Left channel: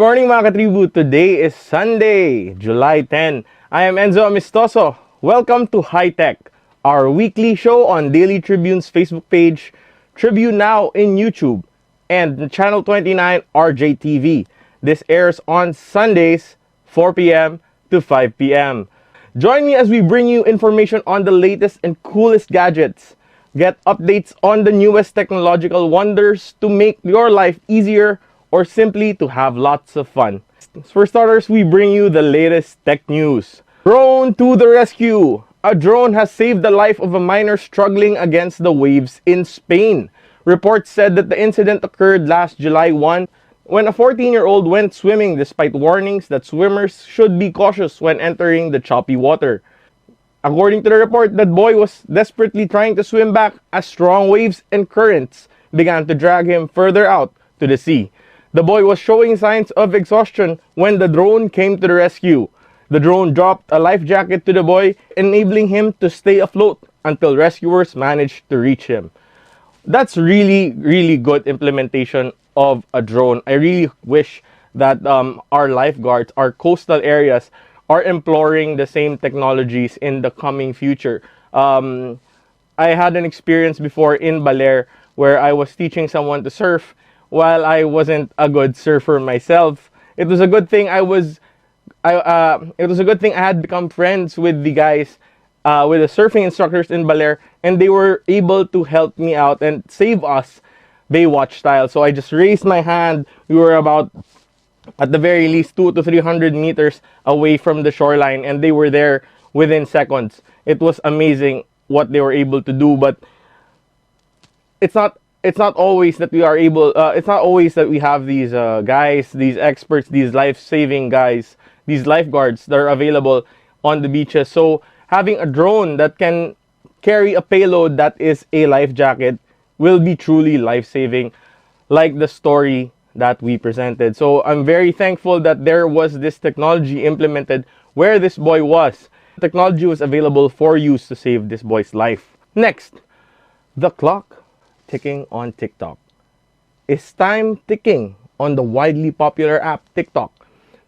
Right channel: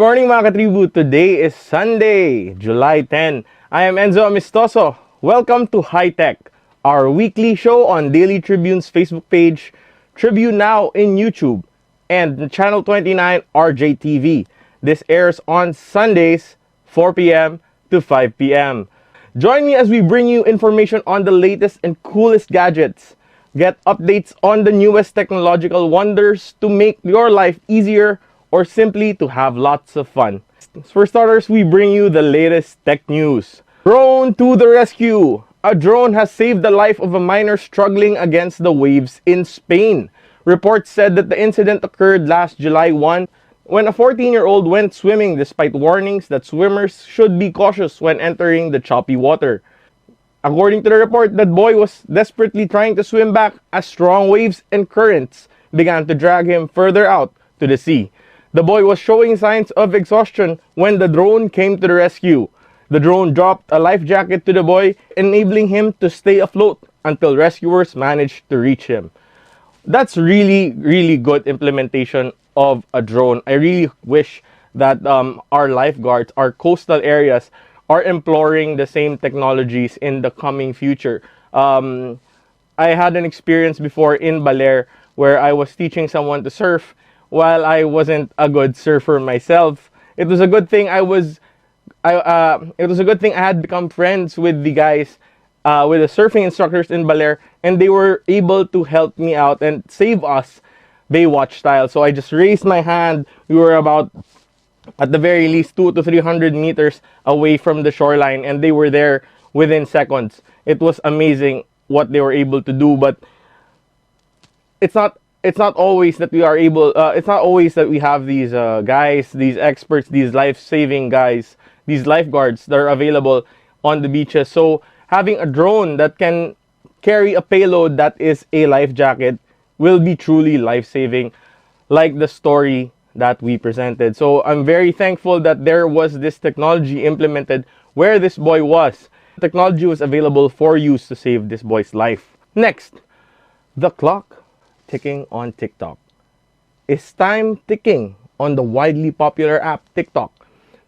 morning mga katribu! Today is Sunday, July 10. I am Enzo Amistoso. Welcome to High Tech, our weekly show on Daily Tribune's Facebook page, Tribune Now in YouTube, and Channel 29 RJTV. This airs on Sundays, 4 p.m. to 5 p.m. Join me as we bring you information on the latest and coolest gadgets. Get updates on the newest technological wonders to make your life easier or simply to have lots of fun. For starters, we bring you the latest tech news. Drone to the rescue! A drone has saved the life of a miner struggling against the waves in Spain. Reports said that the incident occurred last July 1 when a 14-year-old went swimming despite warnings that swimmers should be cautious when entering the choppy water. According to the report, that boy was desperately trying to swim back as strong waves and currents began to drag him further out to the sea. The boy was showing signs of exhaustion when the drone came to the rescue. The drone dropped a life jacket to the boy, enabling him to stay afloat until rescuers managed to reach him. That's really good implementation of a drone. I really wish that our lifeguards, our coastal areas, are employing the same technologies in the coming future. I had an experience before in Baler where I was teaching someone to surf. While I wasn't a good surfer myself, it was a good thing I had become friends with the guys, with the surfing instructors in Baler, and they were able to help me out and save us Baywatch style. So I just raised my hand. We were about, at the very least, 200 to 300 meters away from the shoreline, and they were there within seconds. It was amazing what they were able to do, but it's not always that we are able, it's not always that we have these guys, these experts, these life-saving guys, these lifeguards that are available on the beaches. So having a drone that can carry a payload that is a life jacket will be truly life-saving, like the story that we presented. So I'm very thankful that there was this technology implemented where this boy was. The technology was available for use to save this boy's life. Next, the clock ticking on TikTok. Is time ticking on the widely popular app TikTok?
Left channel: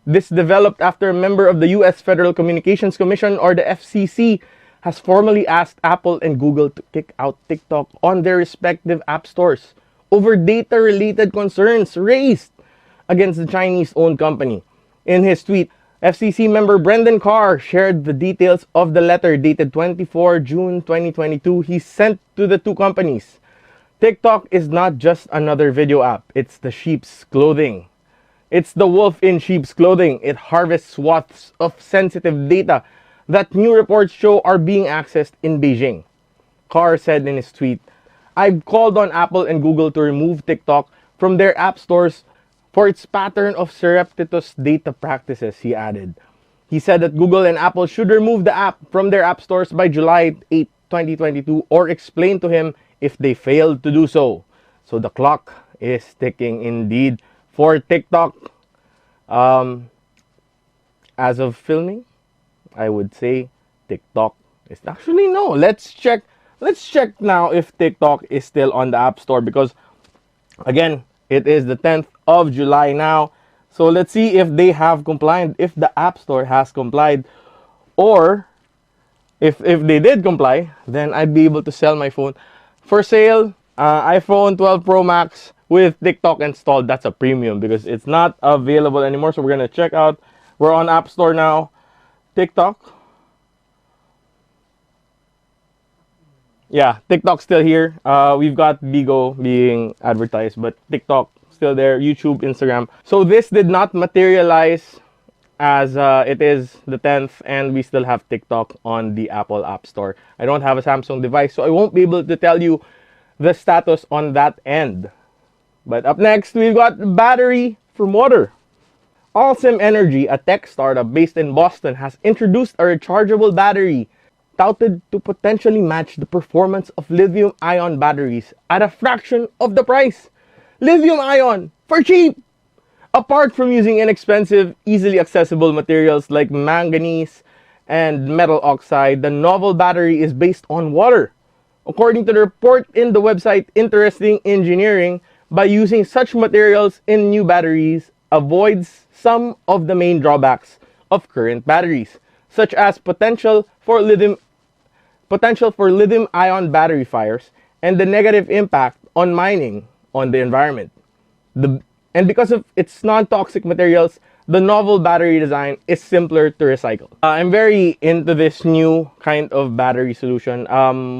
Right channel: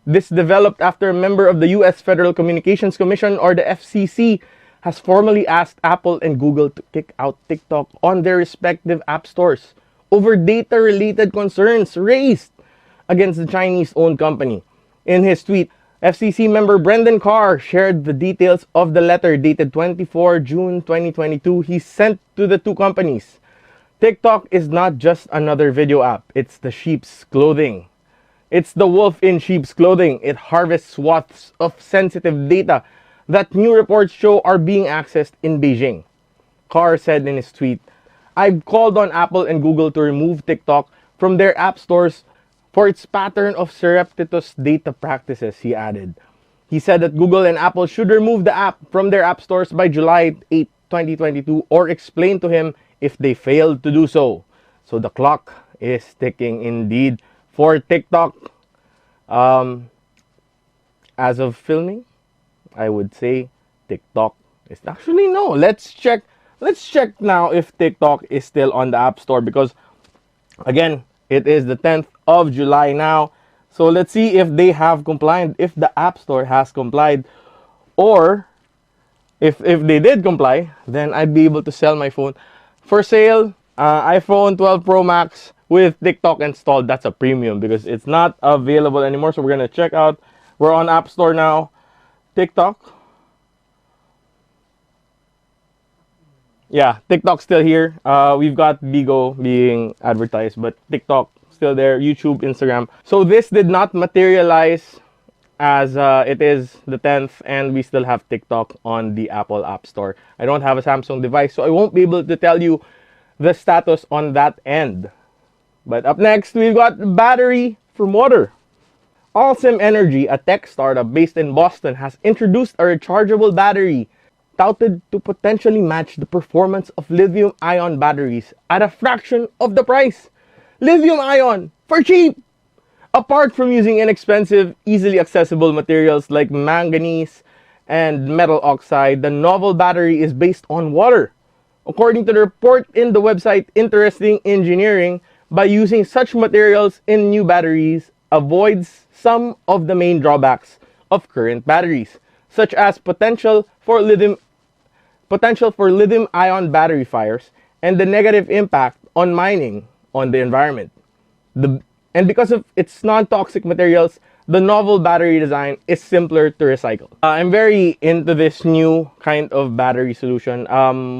This developed after a member of the US Federal Communications Commission, or the FCC, has formally asked Apple and Google to kick out TikTok on their respective app stores over data-related concerns raised against the Chinese-owned company. In his tweet, FCC member Brendan Carr shared the details of the letter dated 24 June 2022 he sent to the two companies. TikTok is not just another video app, it's the sheep's clothing. It's the wolf in sheep's clothing. It harvests swaths of sensitive data that new reports show are being accessed in Beijing. Carr said in his tweet, "I've called on Apple and Google to remove TikTok from their app stores for its pattern of surreptitious data practices," he added. He said that Google and Apple should remove the app from their app stores by July 8, 2022, or explain to him if they failed to do so. So the clock is ticking indeed for TikTok. As of filming, I would say TikTok is actually no. Let's check now if TikTok is still on the App Store, because again, it is the 10th of July now. So let's see if they have complied, if the App Store has complied, or if they did comply, then I'd be able to sell my phone. For sale, iPhone 12 Pro Max with TikTok installed. That's a premium because it's not available anymore. So we're going to check out. We're on App Store now. TikTok. Yeah, TikTok's still here. We've got Bigo being advertised, but TikTok still there. YouTube, Instagram. So this did not materialize as it is the 10th, and we still have TikTok on the Apple App Store. I don't have a Samsung device, so I won't be able to tell you the status on that end. But up next, we've got battery from water. Allsim Energy, a tech startup based in Boston, has introduced a rechargeable battery touted to potentially match the performance of lithium-ion batteries at a fraction of the price. Lithium-ion for cheap! Apart from using inexpensive, easily accessible materials like manganese and metal oxide, the novel battery is based on water. According to the report in the website Interesting Engineering, by using such materials in new batteries avoids some of the main drawbacks of current batteries, such as potential for lithium-ion battery fires and the negative impact on mining on the environment. And because of its non-toxic materials, the novel battery design is simpler to recycle. I'm very into this new kind of battery solution.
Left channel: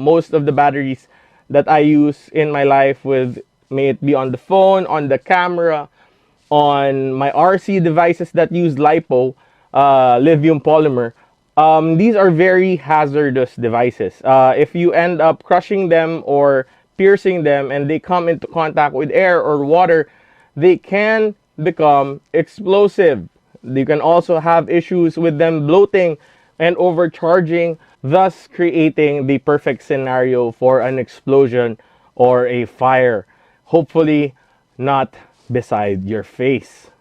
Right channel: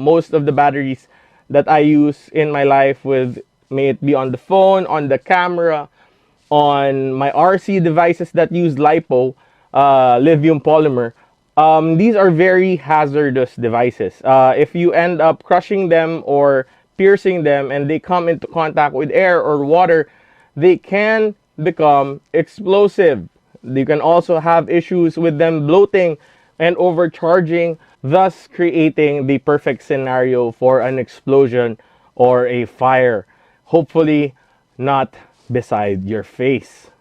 Most of the batteries that I use in my life, may it be on the phone, on the camera, on my RC devices that use LiPo, lithium polymer, these are very hazardous devices. If you end up crushing them or piercing them and they come into contact with air or water, they can become explosive. You can also have issues with them bloating and overcharging, thus creating the perfect scenario for an explosion or a fire. Hopefully not beside your face.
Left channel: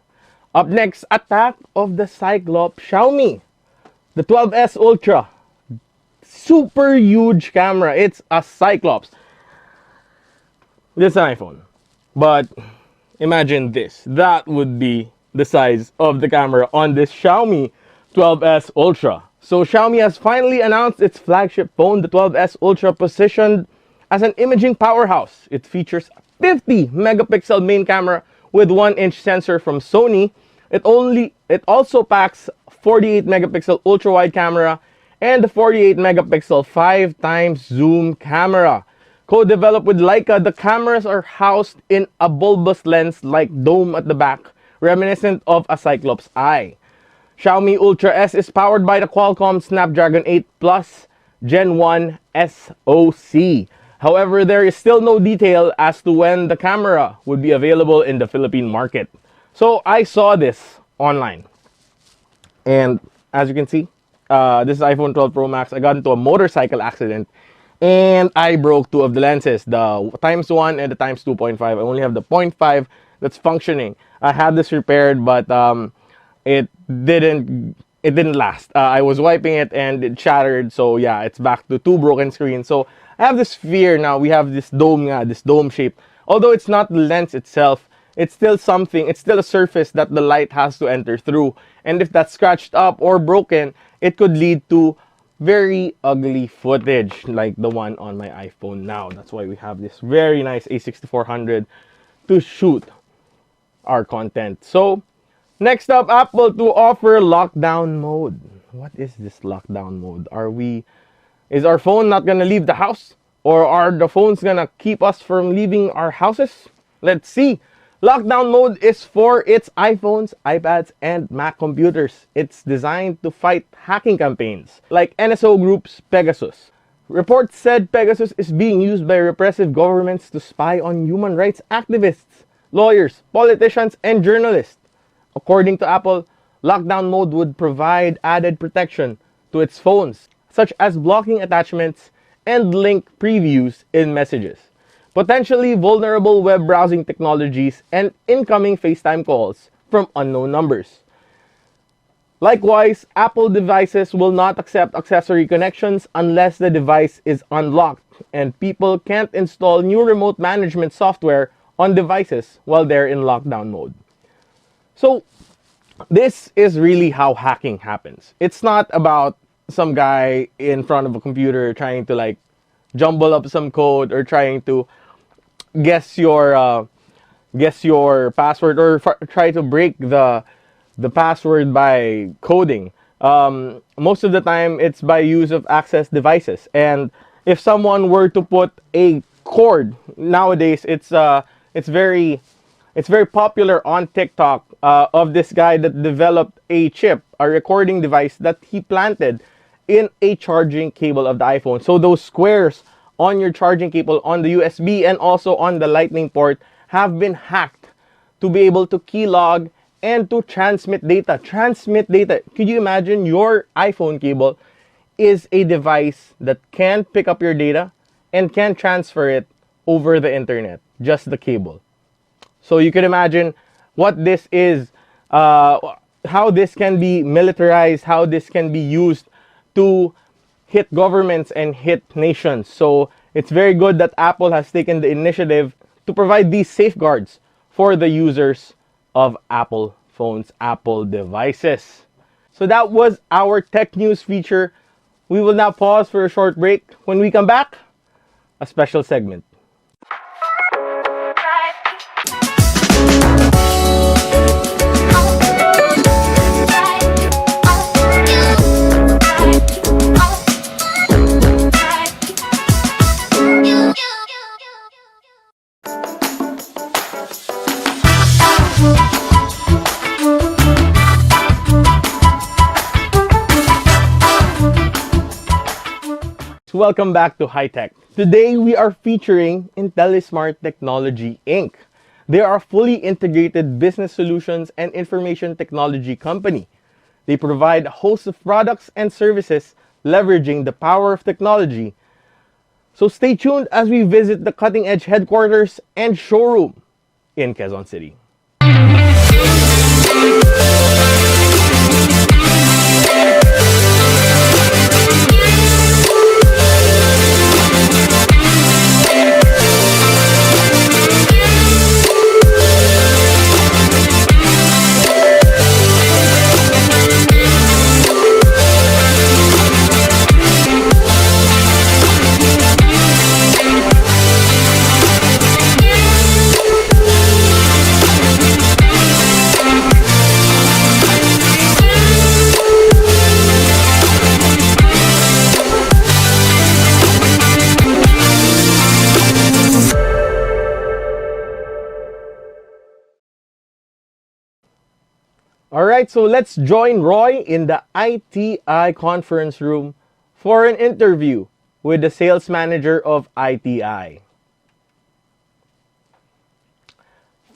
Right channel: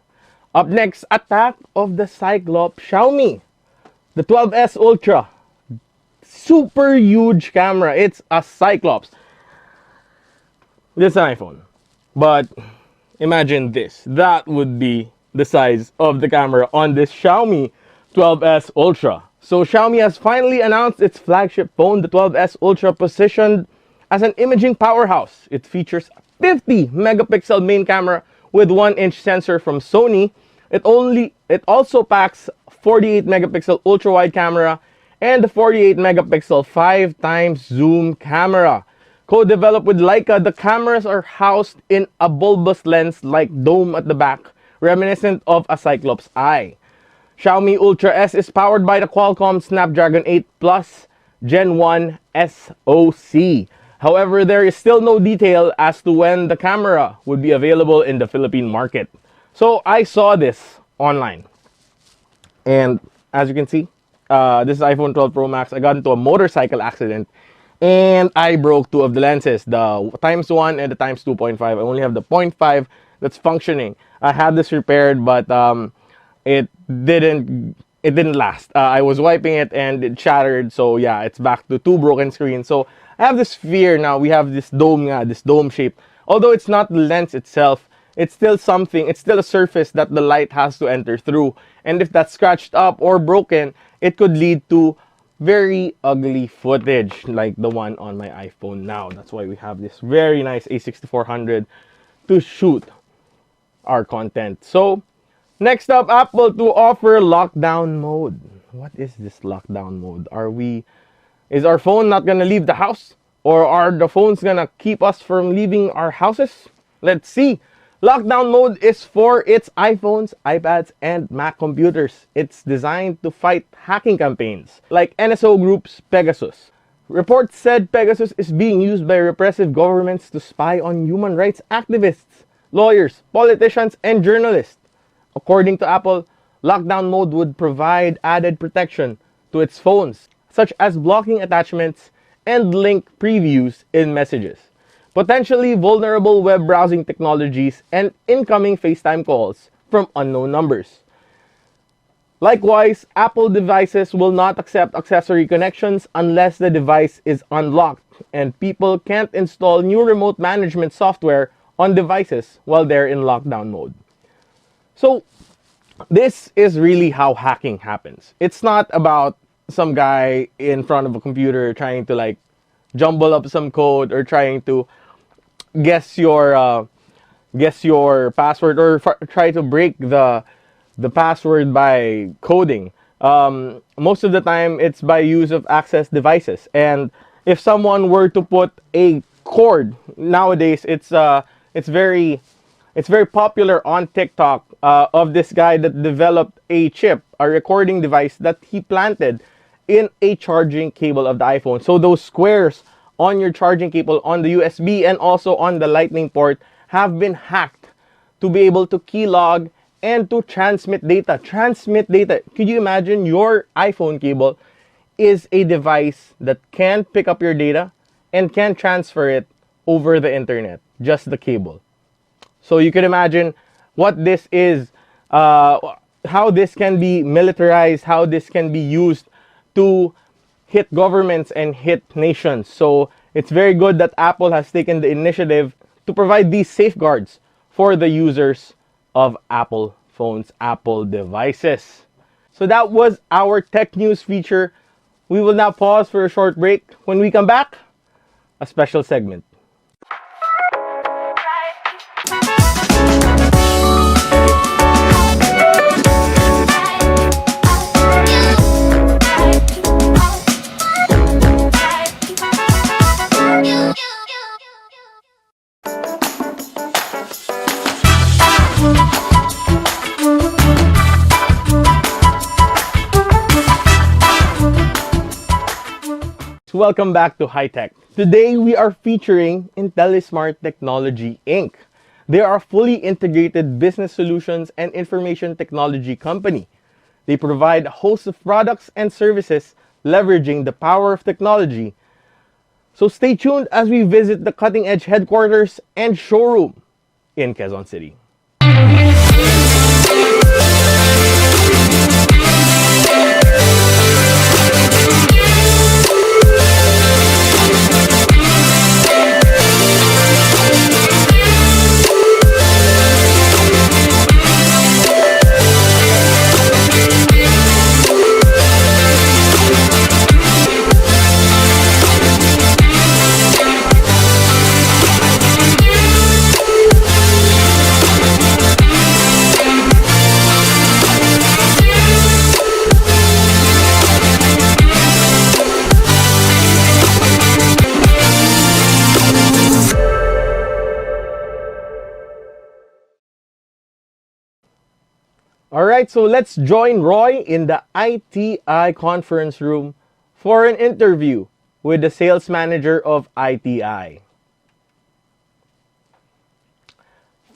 Up next, attack of the Cyclops Xiaomi. The 12S Ultra. Super huge camera. It's a Cyclops. This is an iPhone. But imagine this. That would be the size of the camera on this Xiaomi 12S Ultra. So Xiaomi has finally announced its flagship phone, the 12S Ultra, positioned as an imaging powerhouse. It features a 50 megapixel main camera with 1-inch sensor from Sony. It also packs 48 megapixel ultra wide camera and the 48 megapixel 5x zoom camera. Co-developed with Leica, the cameras are housed in a bulbous lens-like dome at the back, reminiscent of a Cyclops eye. Xiaomi Ultra S is powered by the Qualcomm Snapdragon 8 Plus Gen 1 SoC. However, there is still no detail as to when the camera would be available in the Philippine market. So I saw this online. And as you can see, this is iPhone 12 Pro Max. I got into a motorcycle accident and I broke two of the lenses, the ×1 and the ×2.5. I only have the 0.5 that's functioning. I had this repaired, but it didn't last. I was wiping it and it shattered. So yeah, it's back to two broken screens. So I have this fear now. We have this dome shape. Although it's not the lens itself, it's still something. It's still a surface that the light has to enter through. And if that's scratched up or broken, it could lead to very ugly footage like the one on my iPhone now. That's why we have this very nice A6400 to shoot our content. So next up, Apple to offer lockdown mode. What is this lockdown mode? Is our phone not gonna leave the house? Or are the phones gonna keep us from leaving our houses? Let's see. Lockdown mode is for its iPhones, iPads, and Mac computers. It's designed to fight hacking campaigns like NSO Group's Pegasus. Reports said Pegasus is being used by repressive governments to spy on human rights activists, lawyers, politicians, and journalists. According to Apple, lockdown mode would provide added protection to its phones, such as blocking attachments and link previews in messages, potentially vulnerable web browsing technologies, and incoming FaceTime calls from unknown numbers. Likewise, Apple devices will not accept accessory connections unless the device is unlocked, and people can't install new remote management software on devices while they're in lockdown mode. So this is really how hacking happens. It's not about some guy in front of a computer trying to like jumble up some code or trying to guess your password or try to break the password by coding. Most of the time it's by use of access devices, and if someone were to put a cord nowadays, it's very popular on TikTok of this guy that developed a chip, a recording device that he planted in a charging cable of the iPhone. So those squares on your charging cable on the USB and also on the Lightning port have been hacked to be able to keylog and to transmit data. Could you imagine your iPhone cable is a device that can pick up your data and can transfer it over the internet, just the cable. So you can imagine what this is, how this can be militarized, how this can be used to hit governments and hit nations. So it's very good that Apple has taken the initiative to provide these safeguards for the users of Apple phone's Apple devices. So that was our tech news feature. We will now pause for a short break. When we come back, a special segment. Welcome back to High Tech. Today we are featuring Intellismart Technology Inc. They are a fully integrated business solutions and information technology company. They provide a host of products and services leveraging the power of technology. So stay tuned as we visit the cutting edge headquarters and showroom in Quezon City. Alright, so let's join Roy in the ITI conference room for an interview with the sales manager of ITI.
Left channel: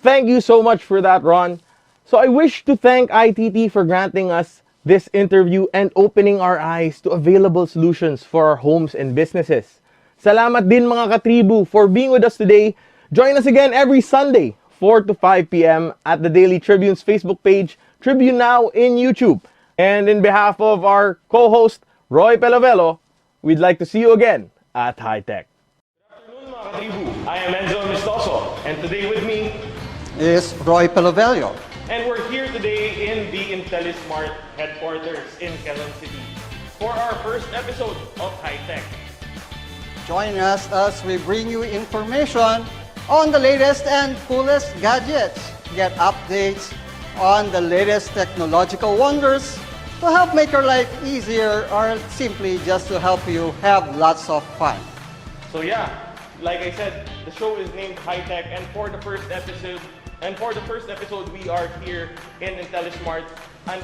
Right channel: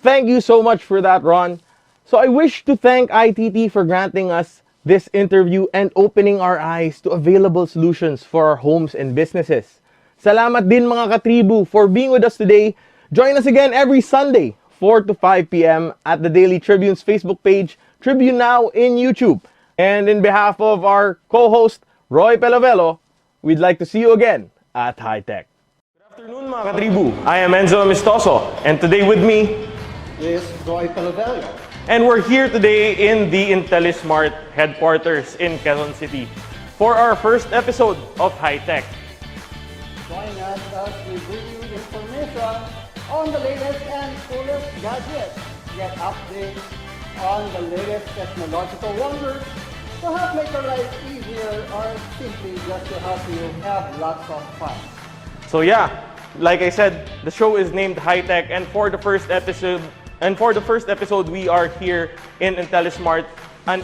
Thank you so much for that, Ron. So I wish to thank ITT for granting us this interview and opening our eyes to available solutions for our homes and businesses. Salamat din mga katribu for being with us today. Join us again every Sunday, 4 to 5 p.m. at the Daily Tribune's Facebook page, Tribune Now in YouTube. And in behalf of our co-host, Roy Pelovelo, we'd like to see you again at High Tech. Good afternoon mga katribu. I am Enzo Amistoso, and today with me is Roy Pelovelo. And we're here today in the Intellismart headquarters in Quezon City for our first episode of High Tech. Join us as we bring you information on the latest and coolest gadgets. Get updates on the latest technological wonders to help make your life easier or simply just to help you have lots of fun. So yeah, like I said, the show is named High Tech, and for the first episode, we are here in Intellismart, a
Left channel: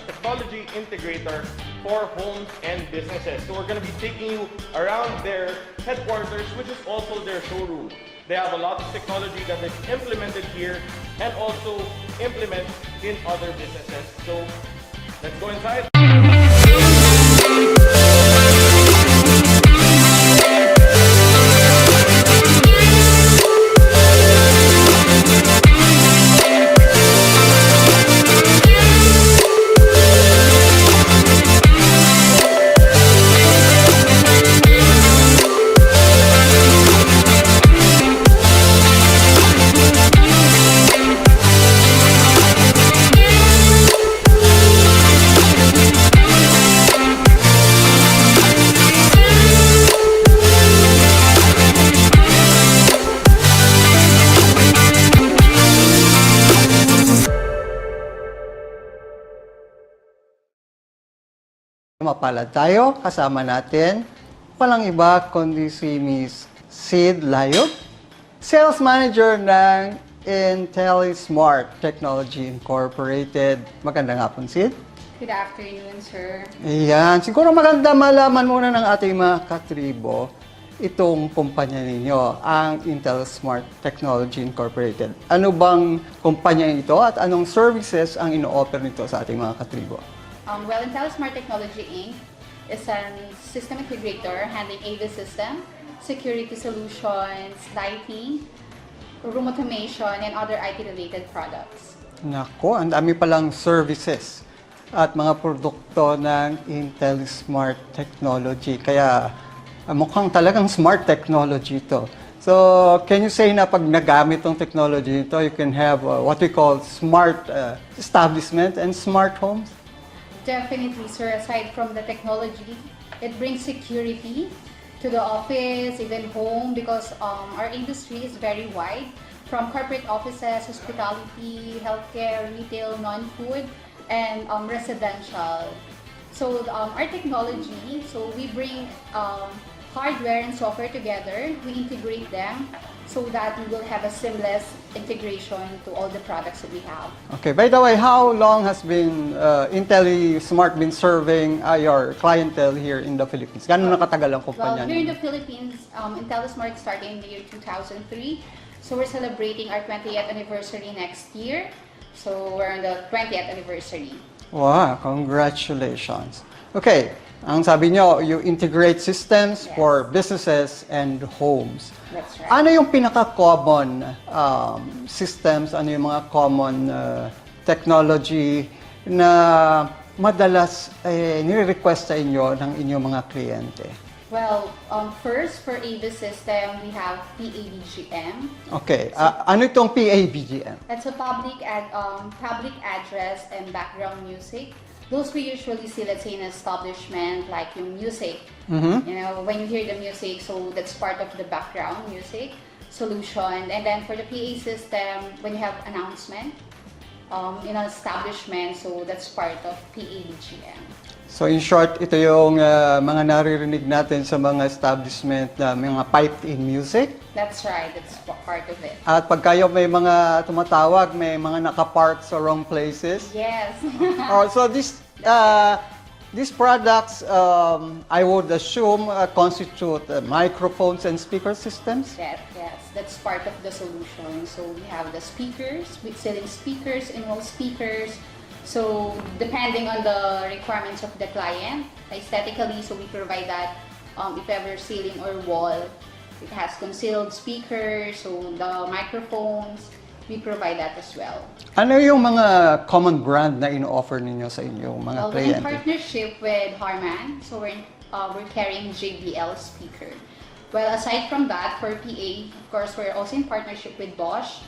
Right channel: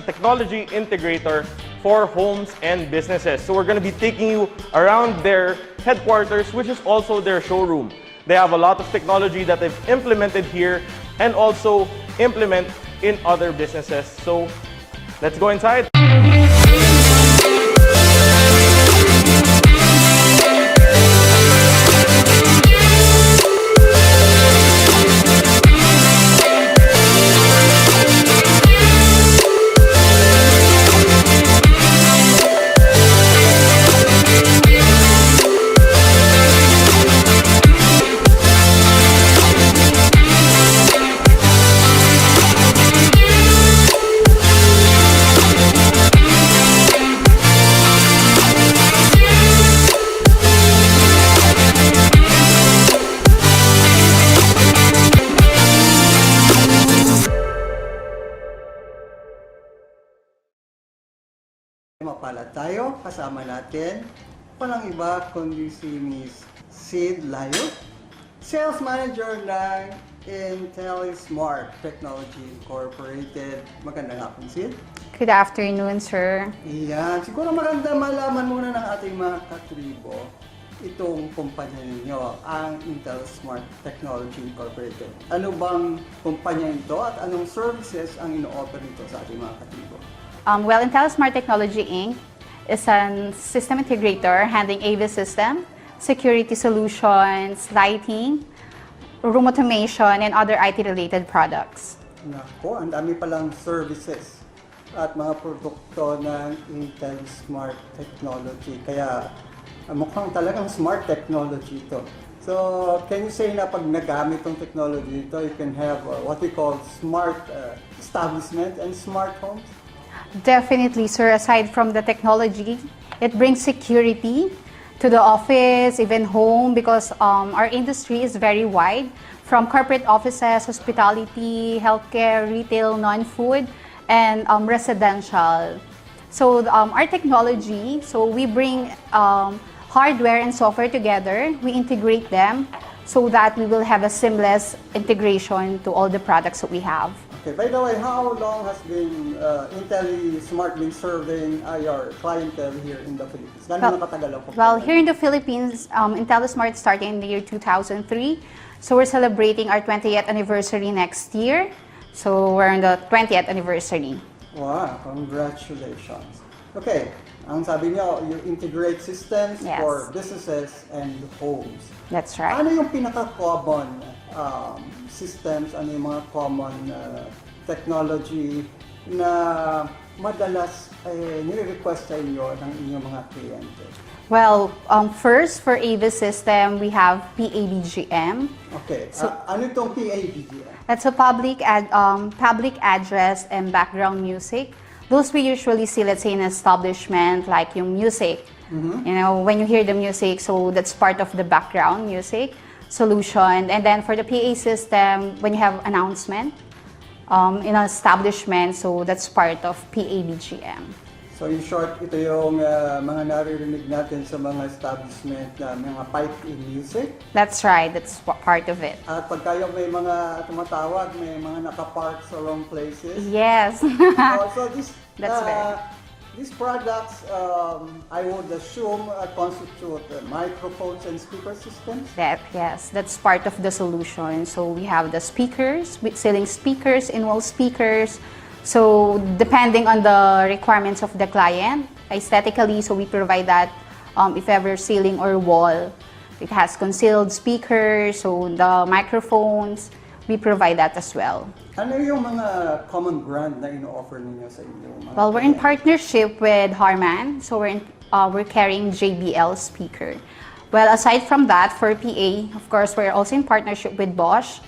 technology integrator for homes and businesses. So we're going to be taking you around their headquarters, which is also their showroom. They have a lot of technology that they've implemented here and also implement in other businesses. So let's go inside. Mapalad tayo, kasama natin walang iba kundi si Miss Sid Layog, Sales Manager ng Intellismart Technology Incorporated. Magandang hapon, Sid. Good afternoon, sir. Ayan, siguro maganda malaman muna ng ating mga katribo itong kumpanya ninyo, ang Intellismart Technology Incorporated. Ano bang kumpanya ito at anong services ang ino-offer nito sa ating mga katribo? Well, Intellismart Technology Inc. is a system integrator handling AV system, security solutions, lighting, room automation, and other IT-related products. Nako, ang dami palang services at mga produkto ng Intellismart Technology. Kaya mukhang talagang smart technology ito. So, can you say na pag nagamit tong technology nito, you can have what we call smart establishment and smart homes? Definitely, sir. Aside from the technology, it brings security to the office, even home, because our industry is very wide, from corporate offices, hospitality, healthcare, retail, non-food, and residential. So our technology, so we bring hardware and software together, we integrate them so that we will have a seamless integration to all the products that we have. Okay, by the way, how long has been Intellismart been serving your clientele here in the Philippines? Gano'n nakatagal ang kumpanya? Well, here in the Philippines, Intellismart started in the year 2003. So we're celebrating our 20th anniversary next year. So we're on the 20th anniversary. Wow, congratulations. Okay, ang sabi nyo, you integrate systems Yes. for businesses and homes. That's right. Ano yung pinaka-common systems, ano yung mga common technology na madalas nire-request sa inyo ng inyong mga kliyente? Well, first for AV system, we have PABGM. Okay, ano itong PABGM? That's a public address and background music. Those we usually see, let's say, in an establishment, like yung music. You know, when you hear the music, so that's part of the background music solution. And then for the PA system, when you have announcement in an establishment, so that's part of PABGM. So in short, ito yung mga naririnig natin sa mga establishment na mga piped-in music. That's right, that's part of it. At pag kayo may mga tumatawag, may mga nakapark sa wrong places. Yes. So these products, I would assume, constitute microphones and speaker systems? Yes, that's part of the solution. So we have the speakers, selling speakers, in-wall speakers. So depending on the requirements of the client, aesthetically, so we provide that if ever ceiling or wall, it has concealed speakers, so the microphones, we provide that as well. Ano yung mga common brand na ino-offer ninyo sa inyong mga Well, we're in kliyente? partnership with Harman, so we're carrying JBL speaker. Well, aside from that, for PA, of course, we're also in partnership with Bosch.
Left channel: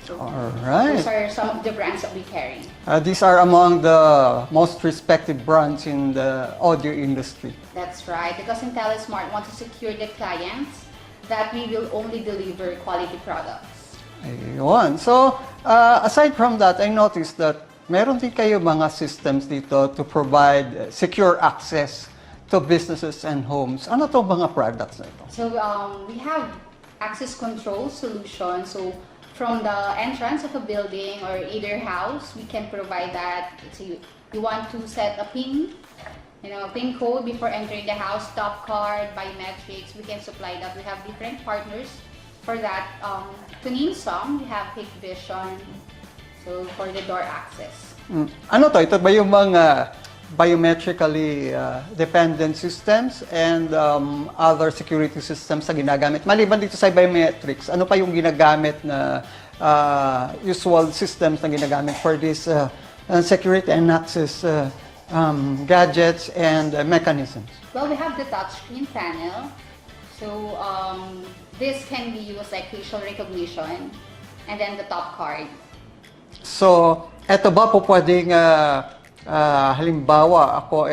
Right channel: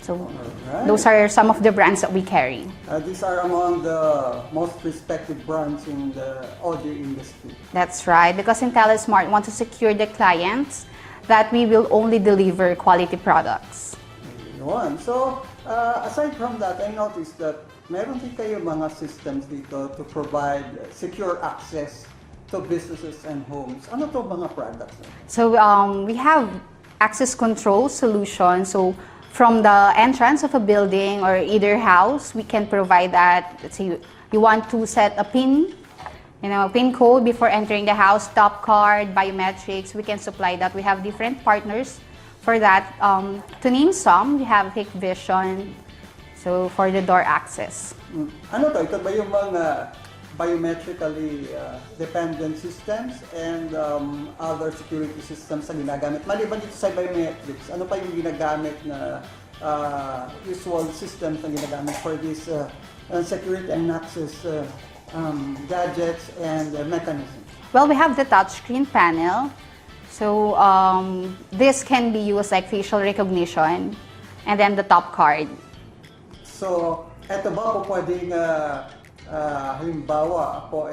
So Alright. those are some of the brands that we carry. These are among the most respected brands in the audio industry. That's right, because Intellismart wants to secure the clients that we will only deliver quality products. Ayun. So, aside from that, I noticed that meron din kayo mga systems dito to provide secure access to businesses and homes. Ano to mga products na ito? So we have access control solutions. So from the entrance of a building or either house, we can provide that. Let's say you want to set a PIN, a PIN code before entering the house, top card, biometrics, we can supply that. We have different partners for that. To name some, we have Hikvision, so for the door access. Ano to? Ito ba yung mga biometrically dependent systems and other security systems na ginagamit? Maliban dito sa biometrics, ano pa yung ginagamit na usual systems na ginagamit for this security and access gadgets and mechanisms? Well, we have the touchscreen panel. So this can be used like facial recognition, and then the top card. So, eto ba po pwedeng halimbawa ako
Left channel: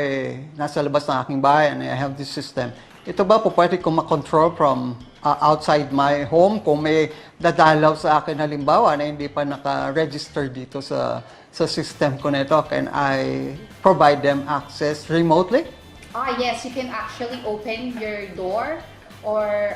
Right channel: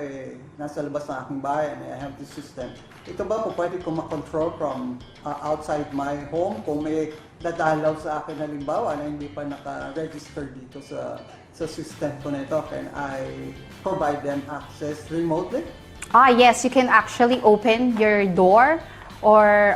nasa labas ng aking bahay and I have this system. Ito ba po pwede kong makontrol from outside my home kung may dadalaw sa akin halimbawa na hindi pa naka-register dito sa system ko na ito? Can I provide them access remotely? Yes, you can actually open your door or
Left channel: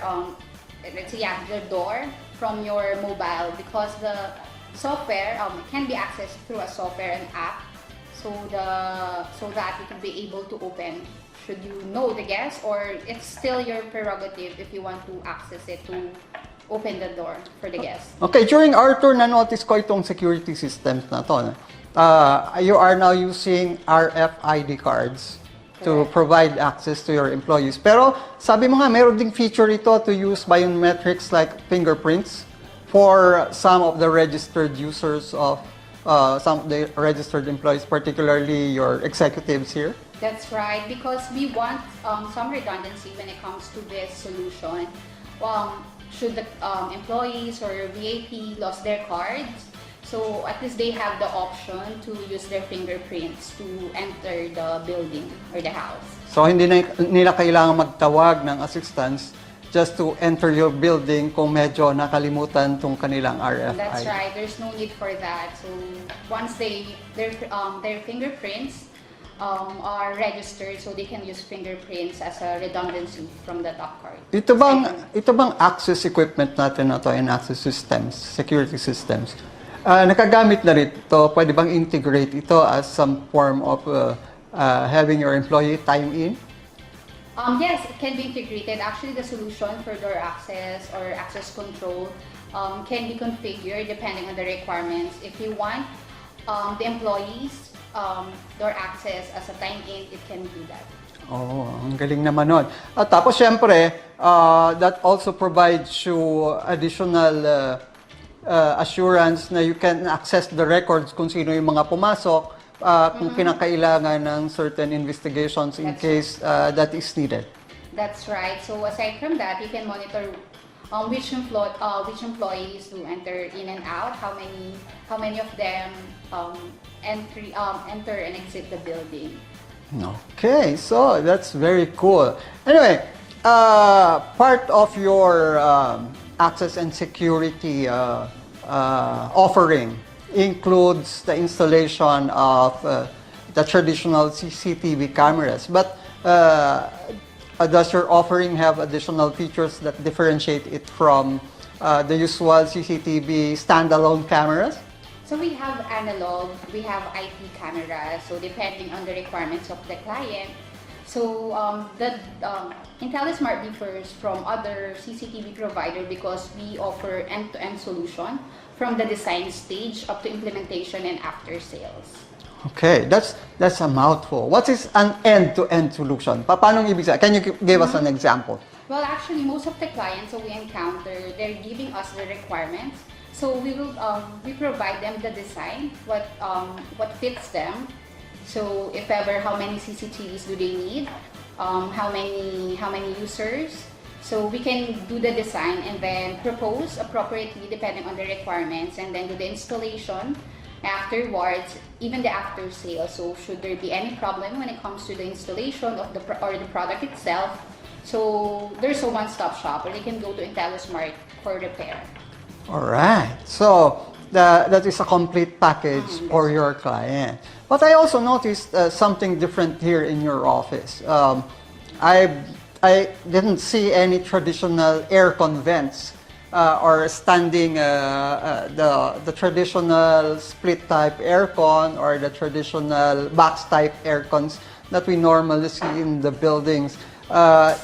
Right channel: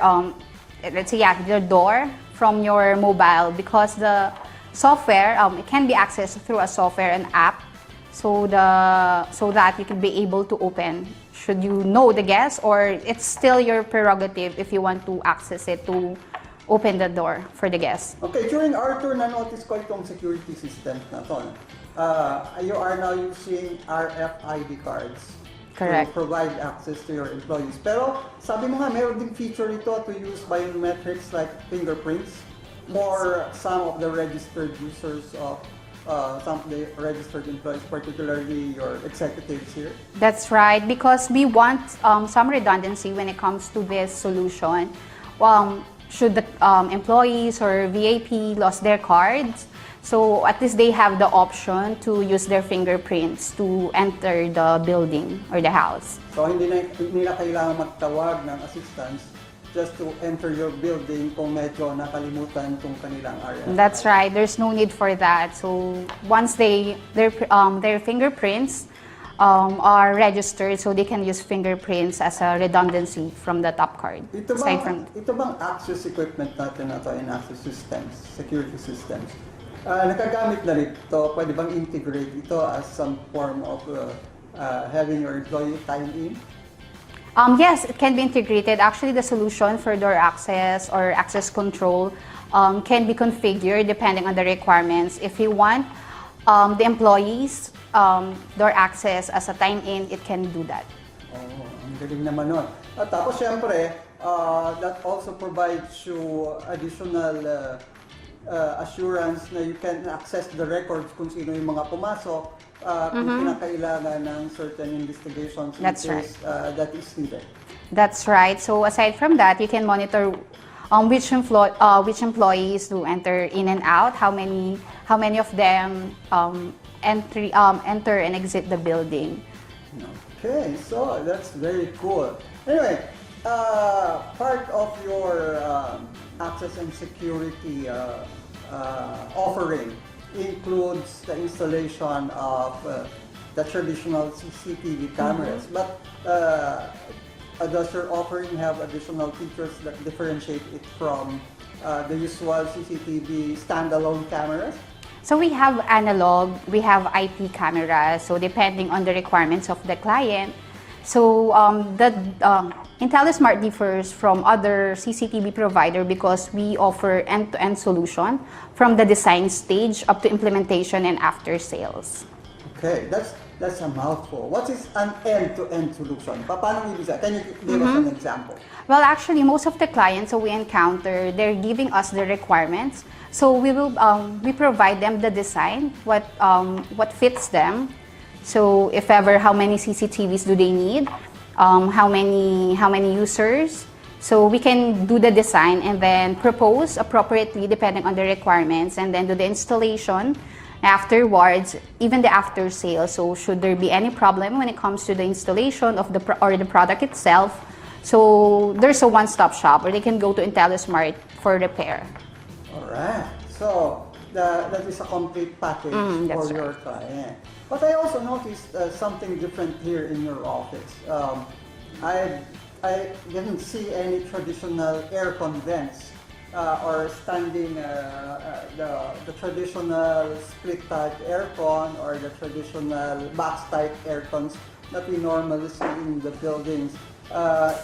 let's say your door from your mobile, because the software it can be accessed through a software and app. So that you can be able to open should you know the guest, or it's still your prerogative if you want to access it to open the door for the guest. Okay, during our tour, na-notice ko itong security systems na to. You are now using RFID cards to Correct. provide access to your employees. Pero sabi mo nga, meron ding feature ito to use biometrics like fingerprints for some of the registered users of some of the registered employees, particularly your executives here? That's right, because we want some redundancy when it comes to this solution. should the employees or VIP lost their cards, so at least they have the option to use their fingerprints to enter the building or the house. So hindi na nila kailangan magtawag ng assistance just to enter your building kung medyo nakalimutan tong kanilang RFID. That's right. There's no need for that. So once their fingerprints are registered, so they can use fingerprints as a redundancy from the top card. Ito bang access equipment natin na to and access systems, security systems? Nakagamit na rito, pwede bang integrate ito as some form of having your employee time in? Yes, it can be integrated. Actually, the solution for door access or access control can be configured depending on the requirements. If you want the employees door access as a time-in, it can do that. Oh, ang galing naman nun. At tapos, syempre, that also provides you additional assurance na you can access the records kung sino yung mga pumasok, kung kinakailangan ng certain investigations in case that is needed. That's right. So aside from that, you can monitor which employees do enter in and out, how many of them enter and exit the building. Okay, so that's very cool. Anyway, part of your access and security offering includes the installation of the traditional CCTV cameras. But does your offering have additional features that differentiate it from the usual CCTV standalone cameras? So we have analog, we have IP cameras, so depending on the requirements of the client. So Intellismart differs from other CCTV provider because we offer end-to-end solution from the design stage up to implementation and after sales. Okay, that's a mouthful. What is an end-to-end solution? Paano ibig sabihin? Can you give us an example? Well, actually, most of the clients we encounter, they're giving us the requirements. So we provide them the design, what fits them. So if ever, how many CCTVs do they need? How many users? So we can do the design and then propose appropriately depending on the requirements, and then do the installation afterwards, even the after sale. So should there be any problem when it comes to the installation of the product itself, so there's a one-stop shop where they can go to Intellismart for repair. All right. So that is a complete package for your client. But I also noticed something different here in your office. I didn't see any traditional aircon vents or standing the traditional split type aircon or the traditional box type aircons that we normally see in the buildings.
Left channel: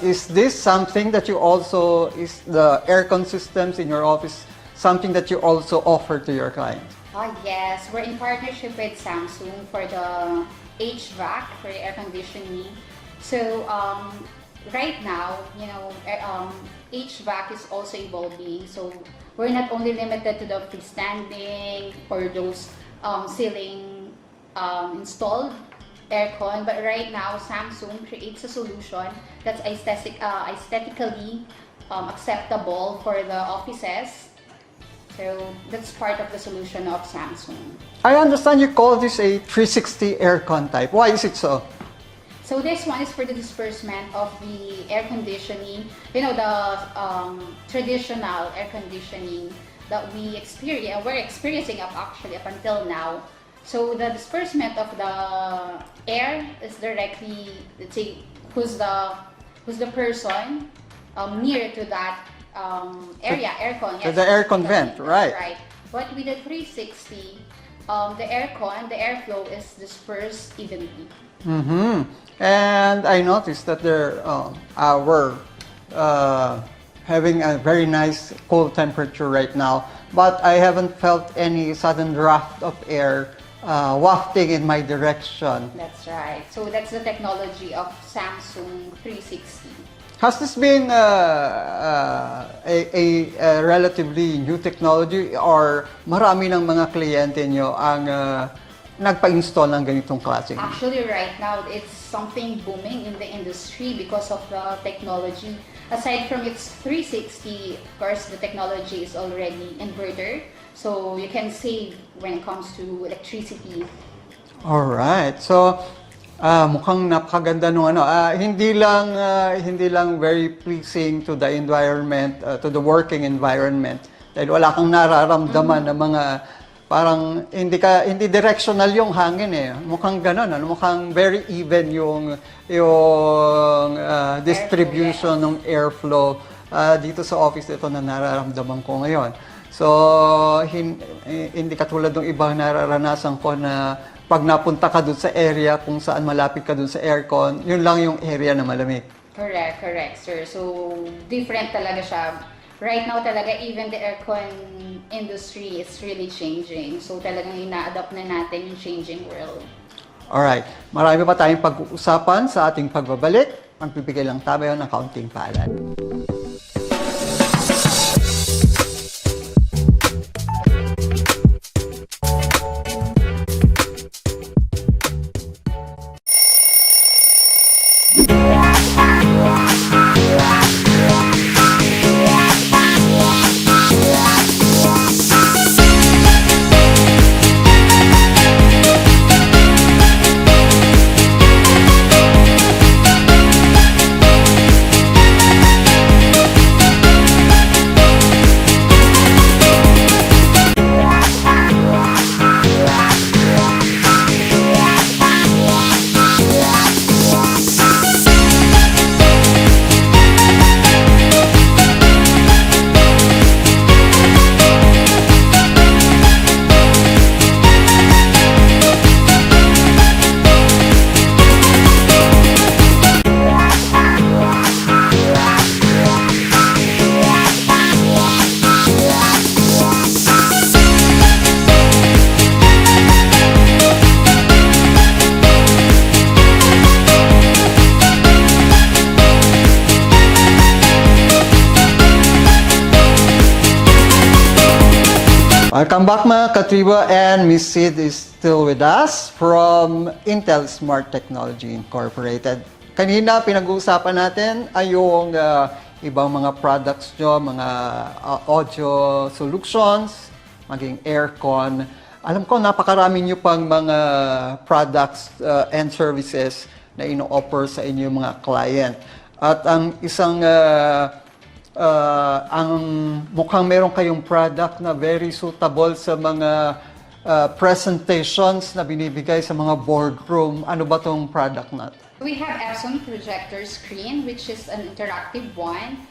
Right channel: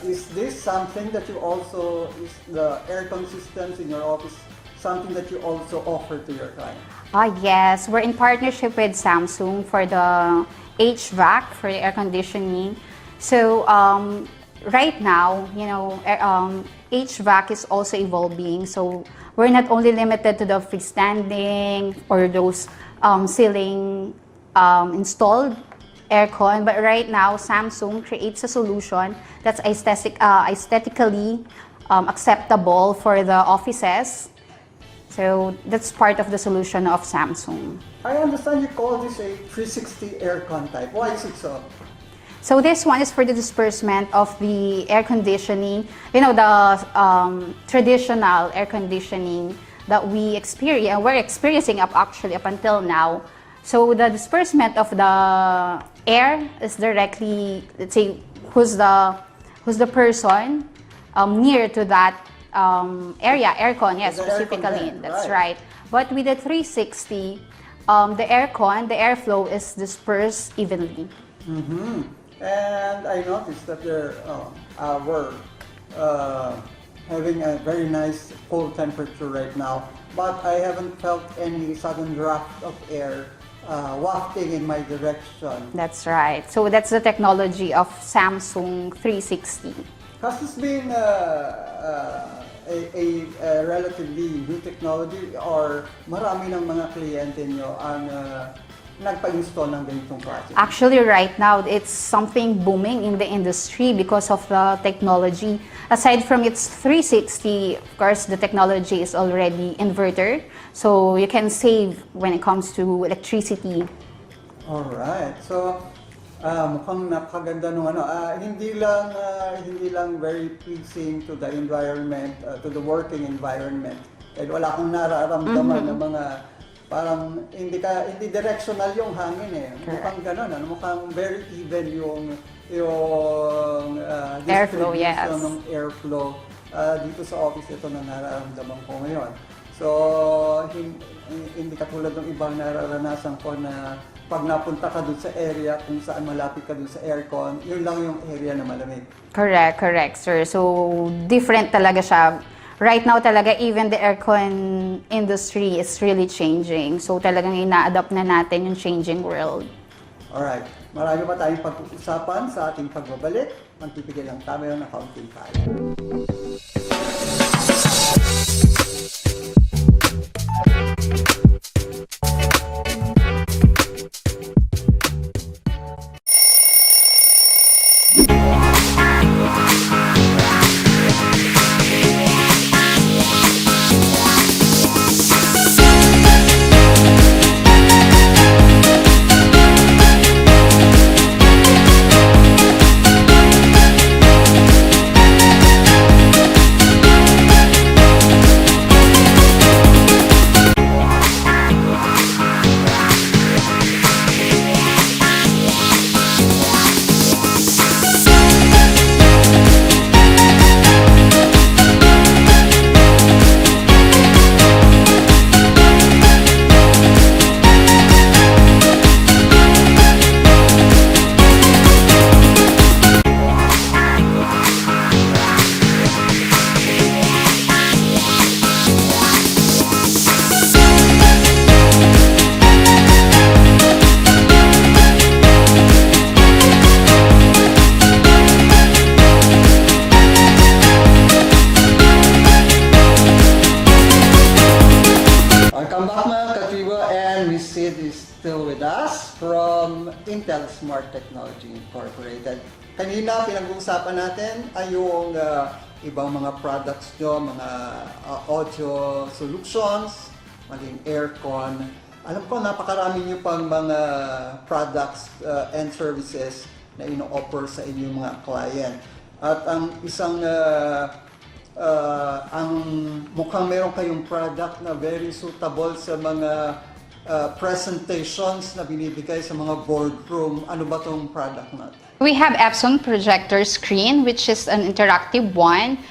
Is this something that you also, is the aircon systems in your office something that you also offer to your clients? Yes, we're in partnership with Samsung for the HVAC, for the air conditioning. So right now, HVAC is also evolving. So we're not only limited to the freestanding or those ceiling installed aircon, but right now Samsung creates a solution that's aesthetically acceptable for the offices. So that's part of the solution of Samsung. I understand you call this a 360 aircon type. Why is it so? So this one is for the disbursement of the air conditioning, the traditional air conditioning that we're experiencing up until now. So the disbursement of the air is directly, let's say, who's the person near to that area, aircon, yes. The aircon vent, that's right. But with the 360, the aircon, the airflow is dispersed evenly. Mm-hmm. And I noticed that we're having a very nice cool temperature right now, but I haven't felt any sudden draft of air wafting in my direction. That's right. So that's the technology of Samsung 360. Has this been a relatively new technology, or marami ng mga kliyente nyo ang nagpa-install ng ganitong klase? Actually, right now, it's something booming in the industry because of the technology. Aside from its 360, of course, the technology is already inverter. So you can save when it comes to electricity. Alright. So, mukhang napakaganda nung ano. Hindi lang very pleasing to the environment, to the working environment. Dahil wala kang nararamdaman ng mga parang hindi directional yung hangin eh. Mukhang gano'n, ano? Mukhang very even yung distribution Airflow, yes. ng airflow dito sa office ito na nararamdaman ko ngayon. So, hindi katulad ng ibang nararanasan ko na pag napunta ka dun sa area kung saan malapit ka dun sa aircon, yun lang yung area na malamig. Correct, sir. So, different talaga siya. Right now talaga, even the aircon industry is really changing. So, talagang ina-adapt na natin yung changing world. Alright. Marami pa tayong pag-uusapan sa ating pagbabalik. Magbibigay lang tayo ng kaunting paalala. Welcome back mga Katriba, and Miss Sid is still with us from Intellismart Technology Incorporated. Kanina pinag-uusapan natin ay yung ibang mga products nyo, mga audio solutions, maging aircon. Alam ko napakarami nyo pang mga products and services na ino-offer sa inyo mga client. At ang isang ang mukhang meron kayong product na very suitable sa mga presentations na binibigay sa mga boardroom. Ano ba tong product natin? We have Epson projector screen, which is an interactive one.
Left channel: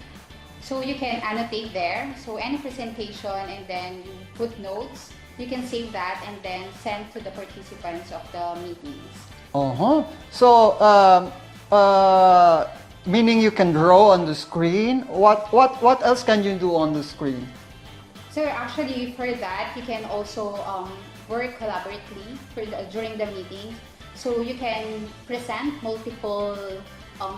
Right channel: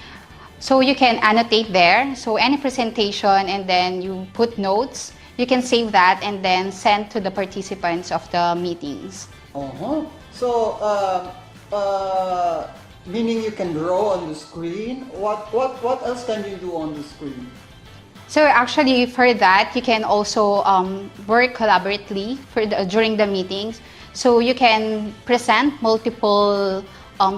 So you can annotate there. So any presentation, and then you put notes. You can save that and then send to the participants of the meetings. So, meaning you can draw on the screen. What else can you do on the screen? So actually, for that, you can also work collaboratively during the meetings. So you can present multiple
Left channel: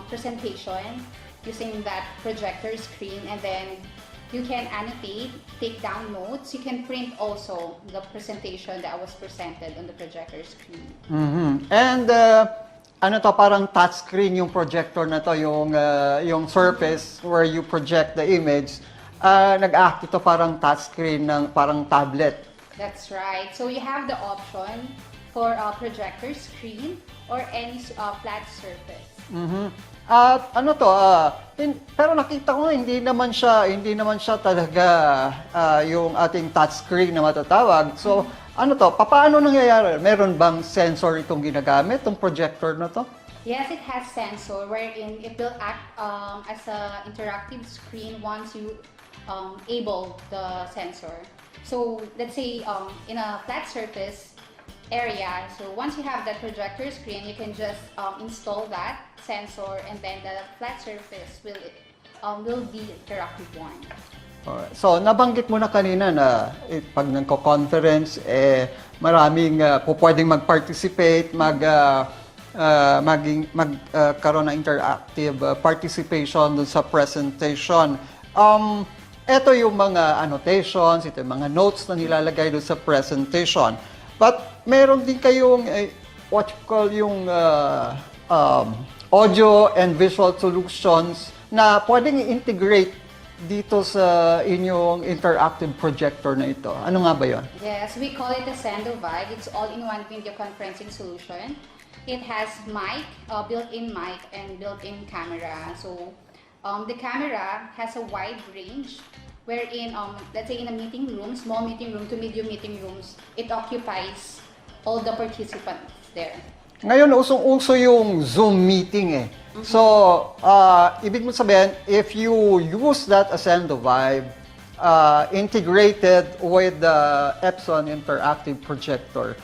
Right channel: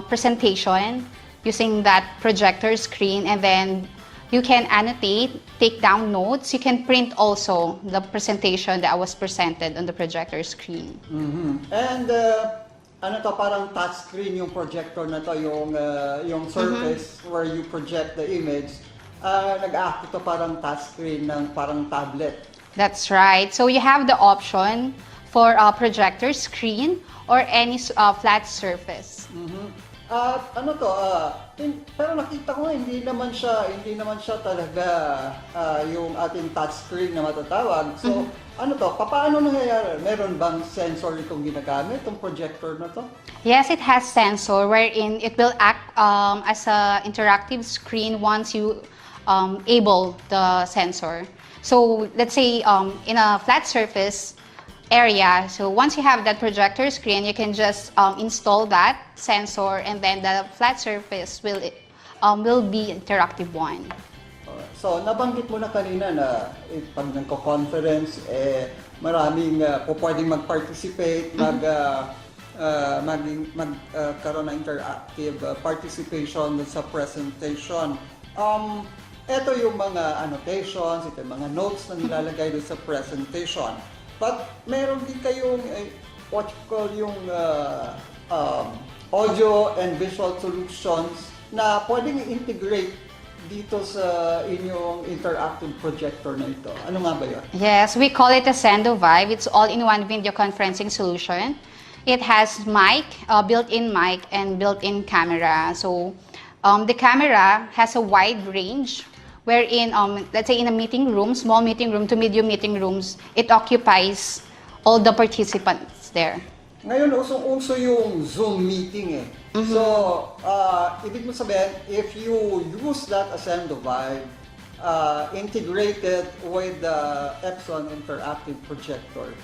presentation using that projector screen, and then you can annotate, take down notes. You can print also the presentation that was presented on the projector screen. And ano to, parang touch screen yung projector na to, yung surface where you project the image. Nag-act ito parang touch screen ng parang tablet. That's right. So you have the option for a projector screen or any flat surface. At ano to, pero nakita ko hindi naman siya talaga yung ating touch screen na matatawag. So, ano to, paano nangyayari? Meron bang sensor itong ginagamit, itong projector na to? Yes, it has sensor wherein it will act as an interactive screen once you able the sensor. So let's say in a flat surface area, so once you have that projector screen, you can just install that sensor, and then the flat surface will be interactive one. So, nabanggit mo na kanina na pag nagko-conference, maraming pwedeng mag-participate, magkaroon ng interactive participation dun sa presentation. Ito yung mga annotations, ito yung mga notes na nilalagay dun sa presentation. But meron din kayong what you call yung audio and visual solutions na pwedeng i-integrate dito sa inyong interactive projector na ito. Ano nga ba yun? Yes, we call it a Sendo Vibe. It's all-in-one video conferencing solution. It has mic, built-in mic, and built-in camera. So the camera has a wide range wherein, let's say in a meeting room, small meeting room to medium meeting rooms, it occupies all the participants there. Ngayon, usong-uso yung Zoom meeting eh. So, ibig mo sabihin, if you use that Ascendo Vibe, integrated with the Epson interactive projector,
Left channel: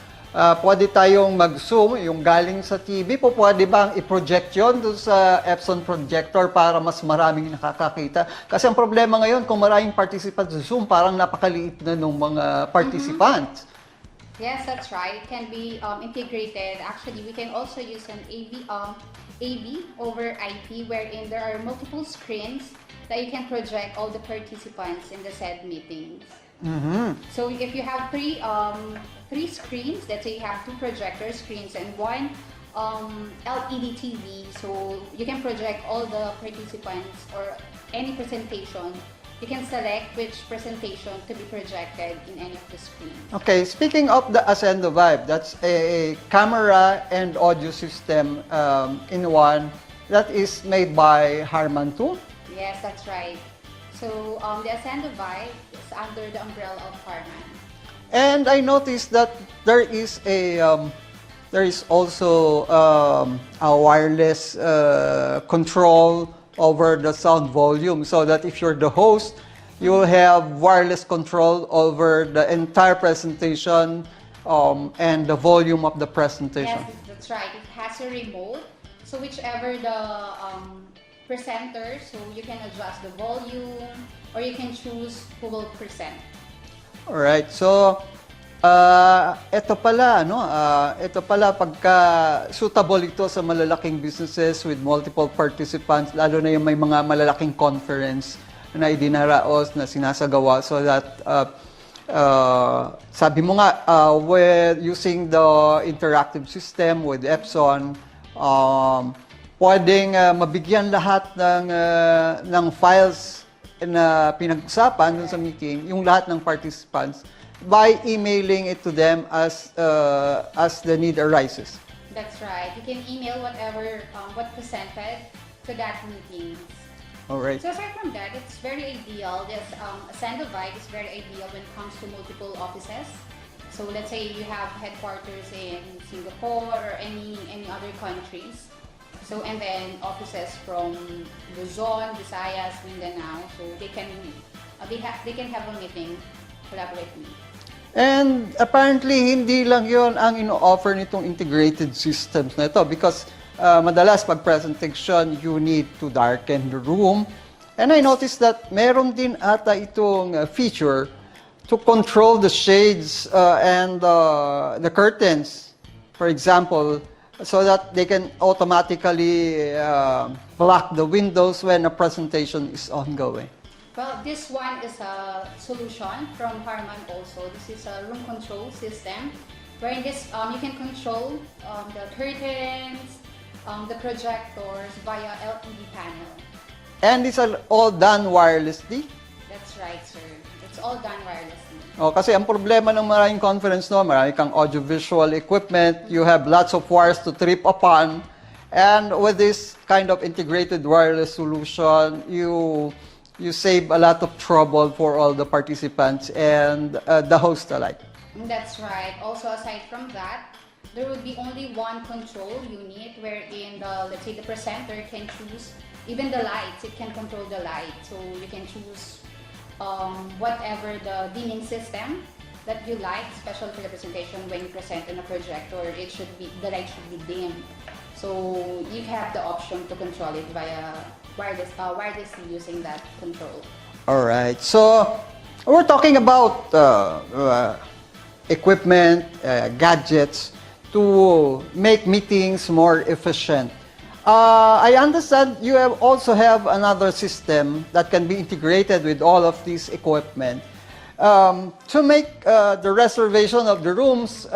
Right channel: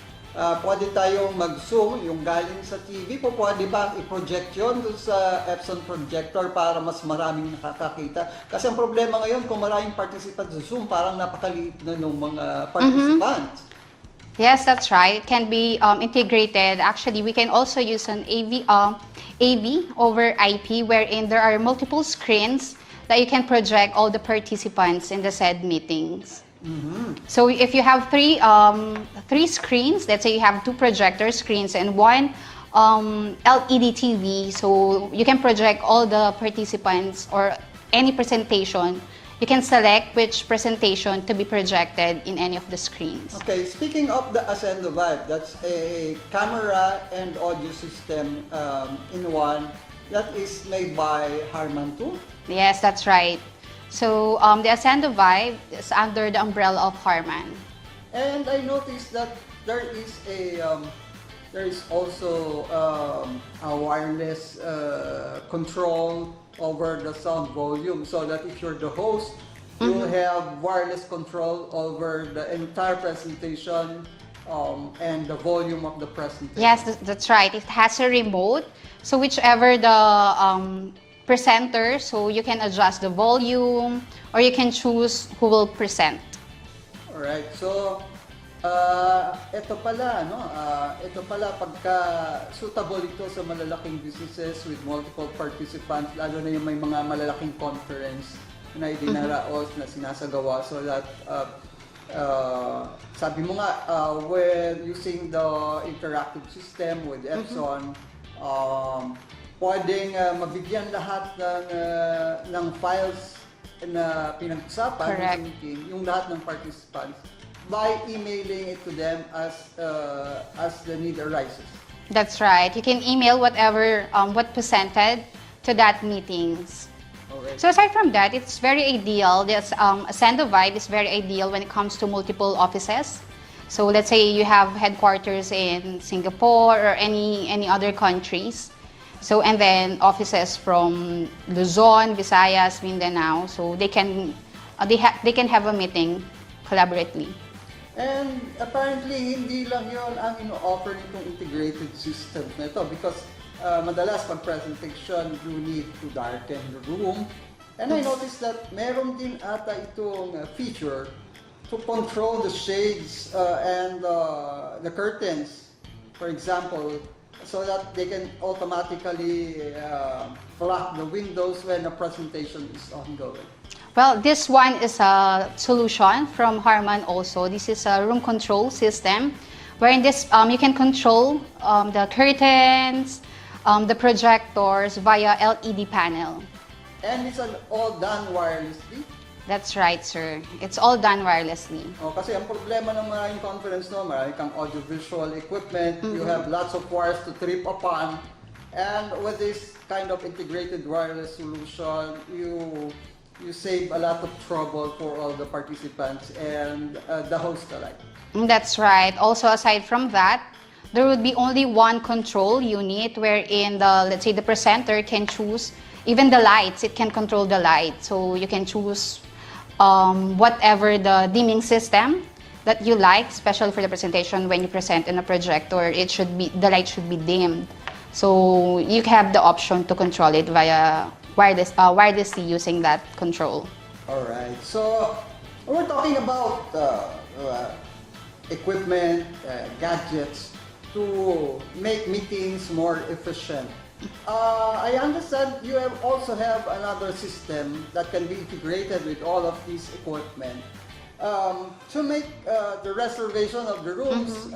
pwede tayong mag-zoom, yung galing sa TV, pwede bang i-project yun doon sa Epson projector para mas maraming nakakakita? Kasi ang problema ngayon, kung maraming participants sa Zoom, parang napakaliit na ng mga participants. Yes, that's right. It can be integrated. Actually, we can also use an AV over IP, wherein there are multiple screens that you can project all the participants in the said meetings. So if you have three screens, let's say you have 2 projector screens and 1 LED TV, so you can project all the participants or any presentation. You can select which presentation to be projected in any of the screens. Okay, speaking of the Ascendo Vibe, that's a camera and audio system in one that is made by Harman too? Yes, that's right. So the Ascendo Vibe is under the umbrella of Harman. And I noticed that there is also a wireless control over the sound volume, so that if you're the host, you'll have wireless control over the entire presentation and the volume of the presentation. Yes, that's right. It has a remote, so whichever the presenter, so you can adjust the volume or you can choose who will present. Alright, so ito pala, pagka suitable ito sa malalaking businesses with multiple participants, lalo na yung may mga malalaking conference na idinaraos na sinasagawa, so that sabi mo nga, with using the interactive system with Epson, pwedeng mabigyan lahat ng files na pinag-usapan sa meeting, yung lahat ng participants, by emailing it to them as the need arises. That's right. You can email whatever what presented to that meetings. All right. So aside from that, it's very ideal. This Ascendo Vibe is very ideal when it comes to multiple offices. So let's say you have headquarters in Singapore or any other countries. So and then offices from Luzon, Visayas, Mindanao. So they can have a meeting collaboratively. And apparently, hindi lang yon ang ino-offer nitong integrated systems na ito, because madalas pag presentation, you need to darken the room. And I noticed that meron din ata itong feature to control the shades and the curtains, for example, so that they can automatically block the windows when a presentation is ongoing. Well, this one is a solution from Harman also. This is a room control system, wherein this you can control the curtains, the projectors via LED panel. And these are all done wirelessly? That's right, sir. It's all done wirelessly. Oh, kasi ang problema ng maraming conference, no, marami kang audiovisual equipment, you have lots of wires to trip upon, and with this kind of integrated wireless solution, you save a lot of trouble for all the participants and the host alike. That's right. Also, aside from that, there would be only one control unit wherein let's say the presenter can choose even the lights. It can control the light. So you can choose whatever the dimming system that you like, especially for the presentation when you present in a projector. The light should be dimmed. So you have the option to control it via wirelessly using that control. All right. So we're talking about equipment, gadgets to make meetings more efficient. I understand you also have another system that can be integrated with all of these equipment. to make the reservation of the rooms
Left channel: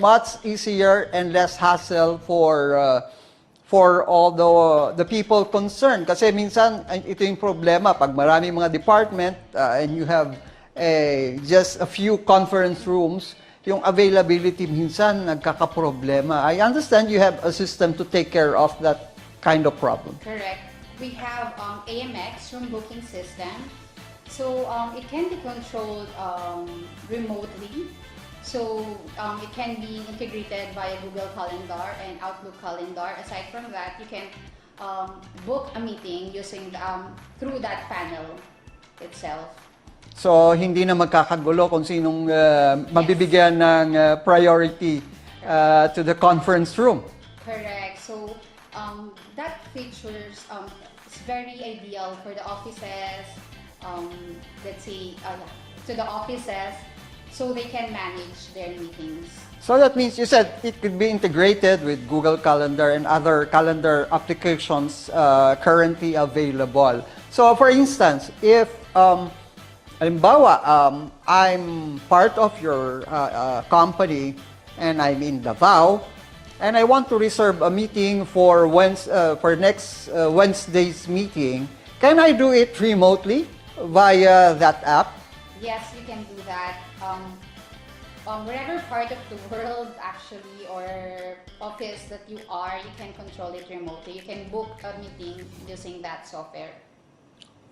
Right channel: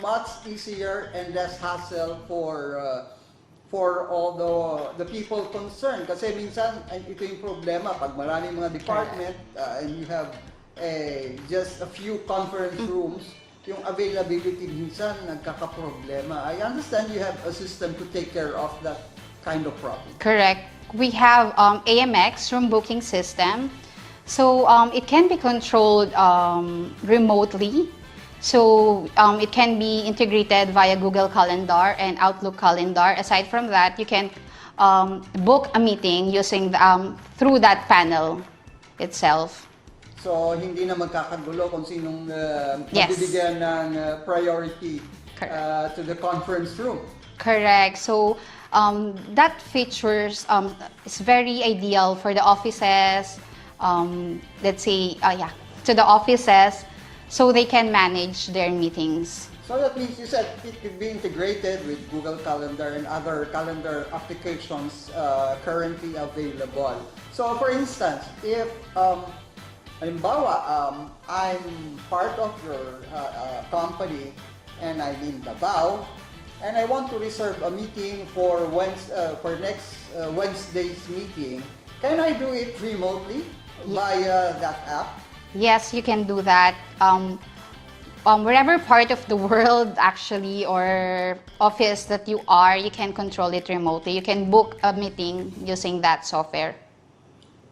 much easier and less hassle for all the people concerned. Kasi minsan, ito yung problema, pag maraming mga department and you have just a few conference rooms, yung availability minsan nagkakaproblema. I understand you have a system to take care of that kind of problem. Correct. We have AMX, room booking system. So it can be controlled remotely. So it can be integrated via Google Calendar and Outlook Calendar. Aside from that, you can book a meeting using through that panel itself. So hindi na magkakagulo kung sinong mabibigyan ng priority to the conference room. Correct. So that features is very ideal for the offices. Let's say, to the offices, so they can manage their meetings. So that means you said it could be integrated with Google Calendar and other calendar applications currently available. So for instance, if halimbawa, I'm part of your company and I'm in Davao and I want to reserve a meeting for next Wednesday's meeting, can I do it remotely via that app? Yes, you can do that. Wherever part of the world actually or office that you are, you can control it remotely. You can book a meeting using that software.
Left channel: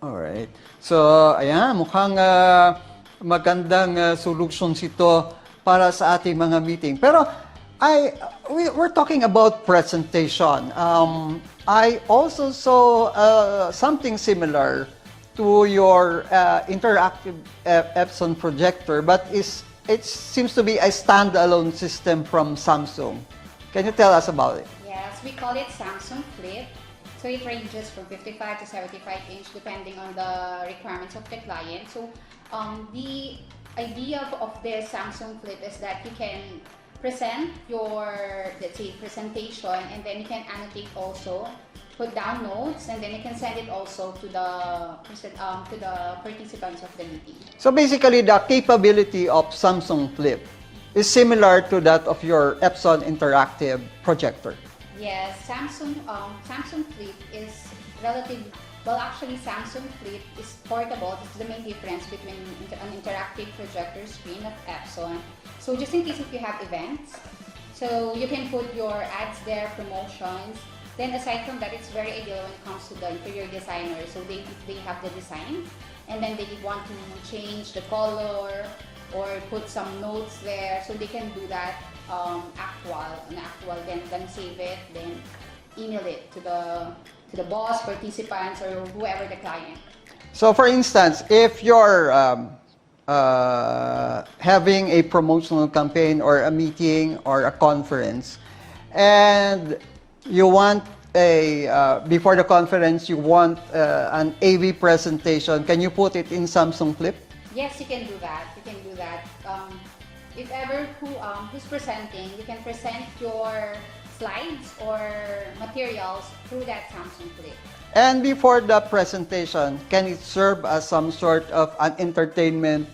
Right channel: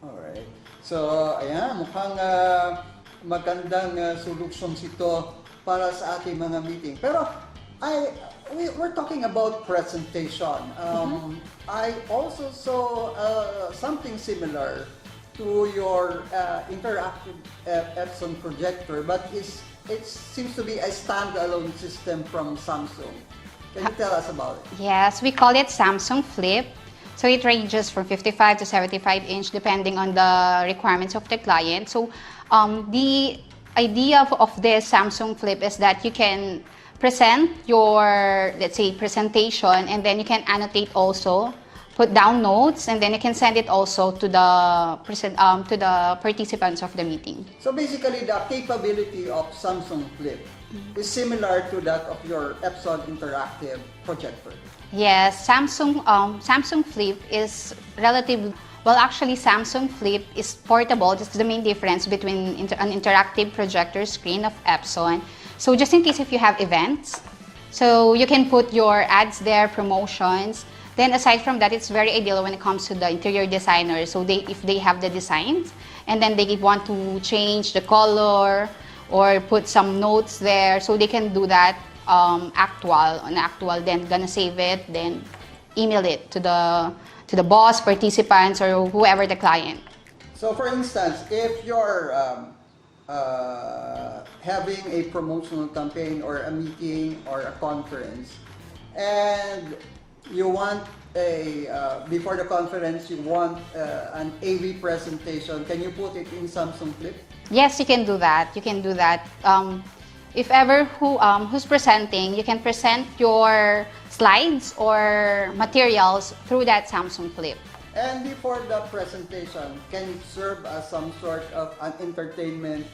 Alright. So, ayan, mukhang magandang solutions ito para sa ating mga meeting. Pero, we're talking about presentation. I also saw something similar to your interactive Epson projector, but it seems to be a standalone system from Samsung. Can you tell us about it? Yes, we call it Samsung Flip. So it ranges from 55 to 75 inch depending on the requirements of the client. So the idea of this Samsung Flip is that you can present your, let's say, presentation, and then you can annotate also, put down notes, and then you can send it also to the participants of the meeting. So basically, the capability of Samsung Flip is similar to that of your Epson interactive projector. Yes, Samsung Flip is relatively, well, actually Samsung Flip is portable. That's the main difference between an interactive projector screen of Epson. So just in case if you have events, so you can put your ads there, promotions. Then aside from that, it's very ideal when it comes to the interior designers. So if they have the designs and then they want to change the color or put some notes there, so they can do that actual, then gonna save it, then email it to the boss, participants, or whoever the client. So for instance, if you're having a promotional campaign or a meeting or a conference, and you want before the conference, you want an AV presentation, can you put it in Samsung Flip? Yes, you can do that. You can do that. If ever who's presenting, you can present your slides or materials through that Samsung Flip. And before the presentation, can it serve as some sort of an entertainment